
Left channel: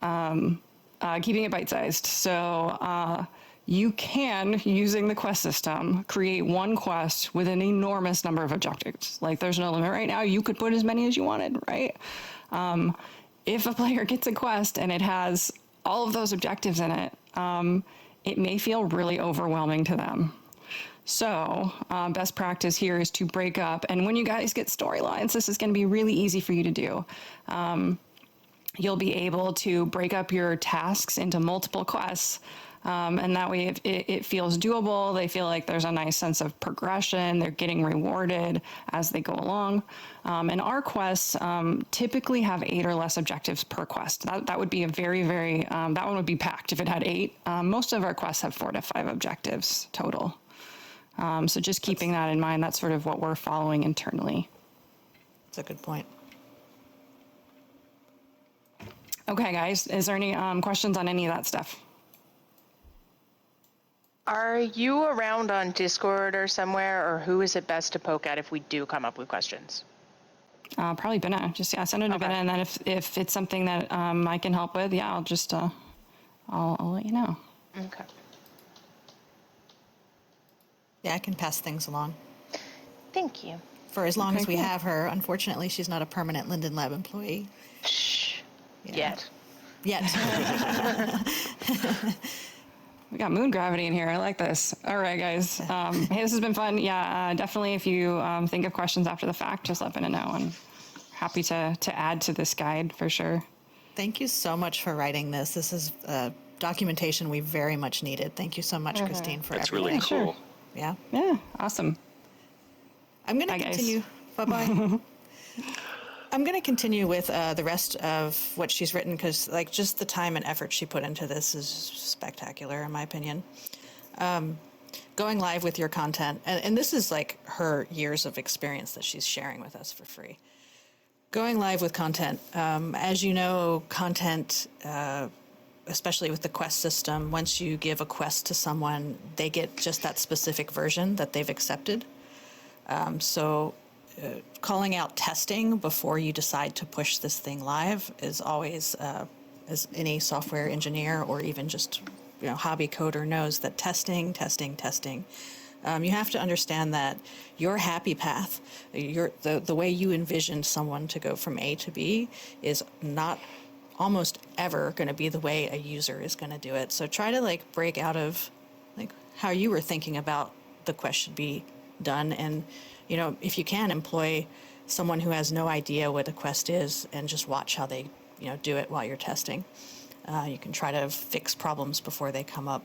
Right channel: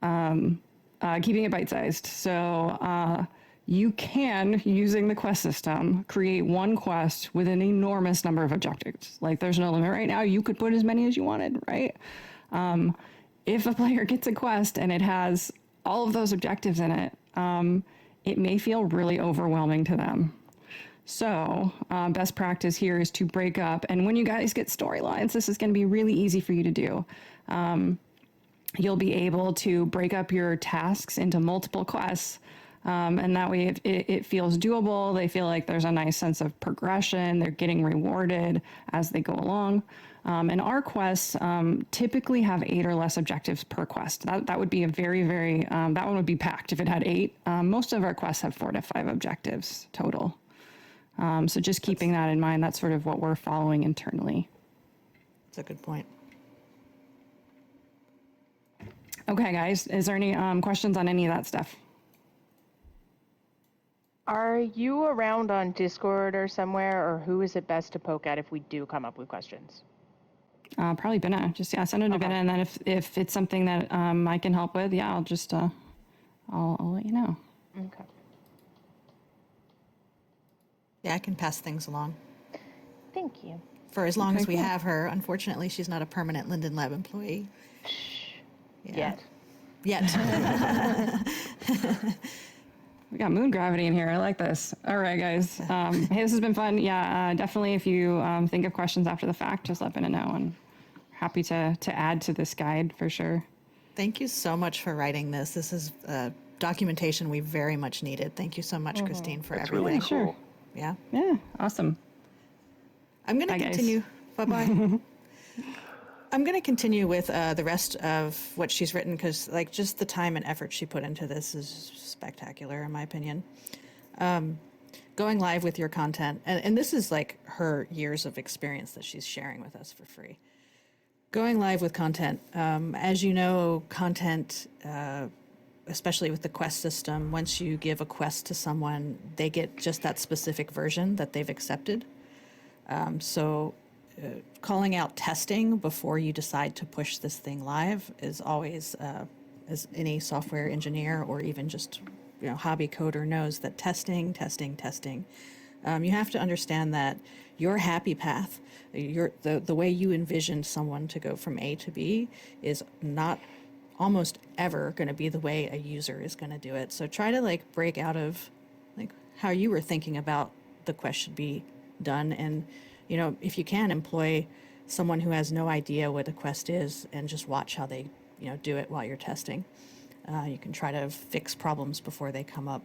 Keeping it bite-sized. So you can, using the quest system, create one quest with an enormous number of objectives. Like there's no limit right now. You could put as many as you wanted, right? If a player gets a quest and it has all of those objectives in it, it may feel really overwhelming to them. So best practice here is to break up. And when you guys get storylines, this is going to be really easy for you to do. You'll be able to break up your tasks into multiple quests. And that way it feels doable. They feel like there's a nice sense of progression. They're getting rewarded as they go along. And our quests typically have 8 or less objectives per quest. That would be a very, very, that one would be packed if it had 8. Most of our quests have 4 to 5 objectives total. So just keeping that in mind, that's sort of what we're following internally. That's a good point. Okay, guys, is there any questions on any of that stuff? Are you around on Discord or somewhere, or who is it best to poke at if we do come up with questions? Probably Binna. Just send it to Binna, and then if it's something that I can help with, I'll just I'll let you know. Okay. Yeah, I can pass things along. Thank you. For as long as we have her. Unfortunately, she's not a permanent Linden Lab employee. Shh. Yeah. Yet. We got moon gravity in here. I like this. All right, guys. Hey, this has been fun. Yeah, definitely. If you think of questions after the fact, just let Binna know. And happy to add to this guide for sure. Thank you so much for writing this. This is documentation we very much needed. Thank you so much, Christine, for That's everything. really cool. Sure. Yeah. Yeah, awesome. I'm going to continue. Bye-bye. I'm going to continue with the rest of what she's written because, like, just the time and effort she put into this is spectacular, in my opinion. Going live with your content, and this is like her years of experience that she's sharing with us for free. Going live with content, as you know, content, especially with the quest system, once you give a quest to someone, they get just that specific version that they've accepted. So calling out testing before you decide to push this thing live is always, as any software engineer or even just hobby coder knows, that testing. You have to understand that your happy path, the way you envisioned someone to go from A to B is not almost ever going to be the way a user is going to do it. So try to break out of how you were thinking about the quest should be done, and if you can, employ someone who has no idea what a quest is and just watch how they do it while you're testing. You can try to fix problems before they come up.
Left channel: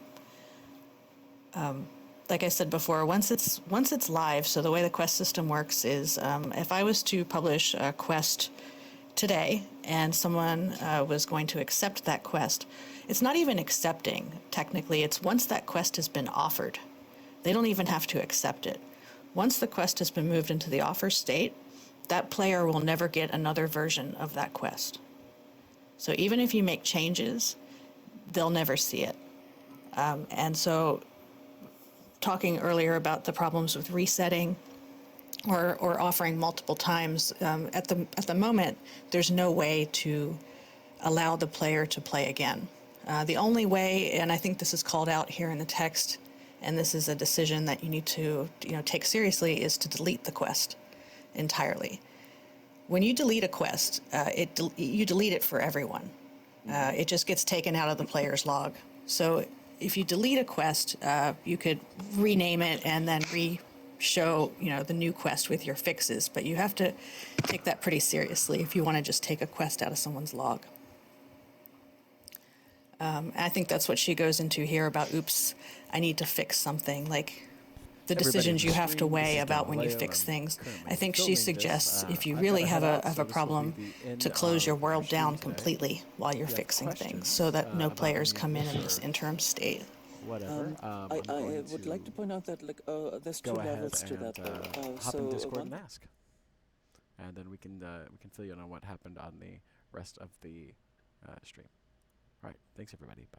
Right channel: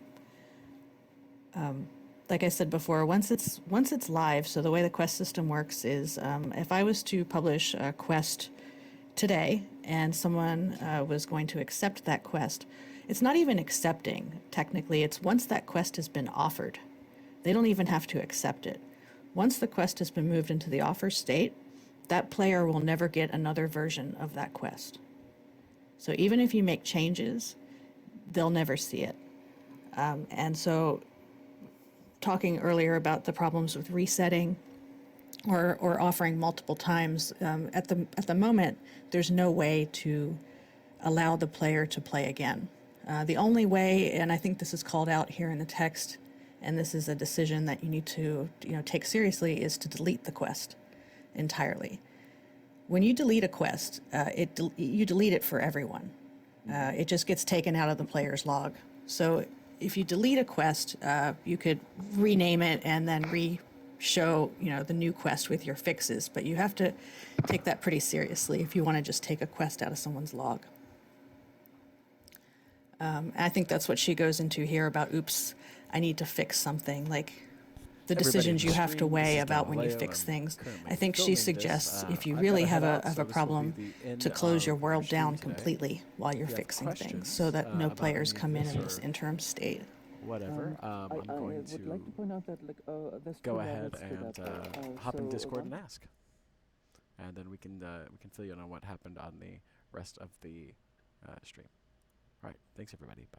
Like I said before, once it's live, so the way the quest system works is if I was to publish a quest today and someone was going to accept that quest, it's not even accepting, technically. It's once that quest has been offered. They don't even have to accept it. Once the quest has been moved into the offer state, that player will never get another version of that quest. So even if you make changes, they'll never see it. And so talking earlier about the problems with resetting or offering multiple times, at the moment, there's no way to allow the player to play again. The only way, and I think this is called out here in the text, and this is a decision that you need to take seriously, is to delete the quest entirely. When you delete a quest, you delete it for everyone. It just gets taken out of the player's log. So if you delete a quest, you could rename it and then show, the new quest with your fixes, but you have to take that pretty seriously if you want to just take a quest out of someone's log. I think that's what she goes into here about, oops, I need to fix something, like the decisions you have to weigh about when you fix things. I think she suggests if you really have a problem, to close your world down completely while you're fixing things, so that no players come in this interim state. Whatever. I'm going would like to point out that there's two go levels ahead to and that. hop in So Discord and one- ask, and then we can fill you in on what happened on the rest of the stream. All right. Thanks everybody. Bye.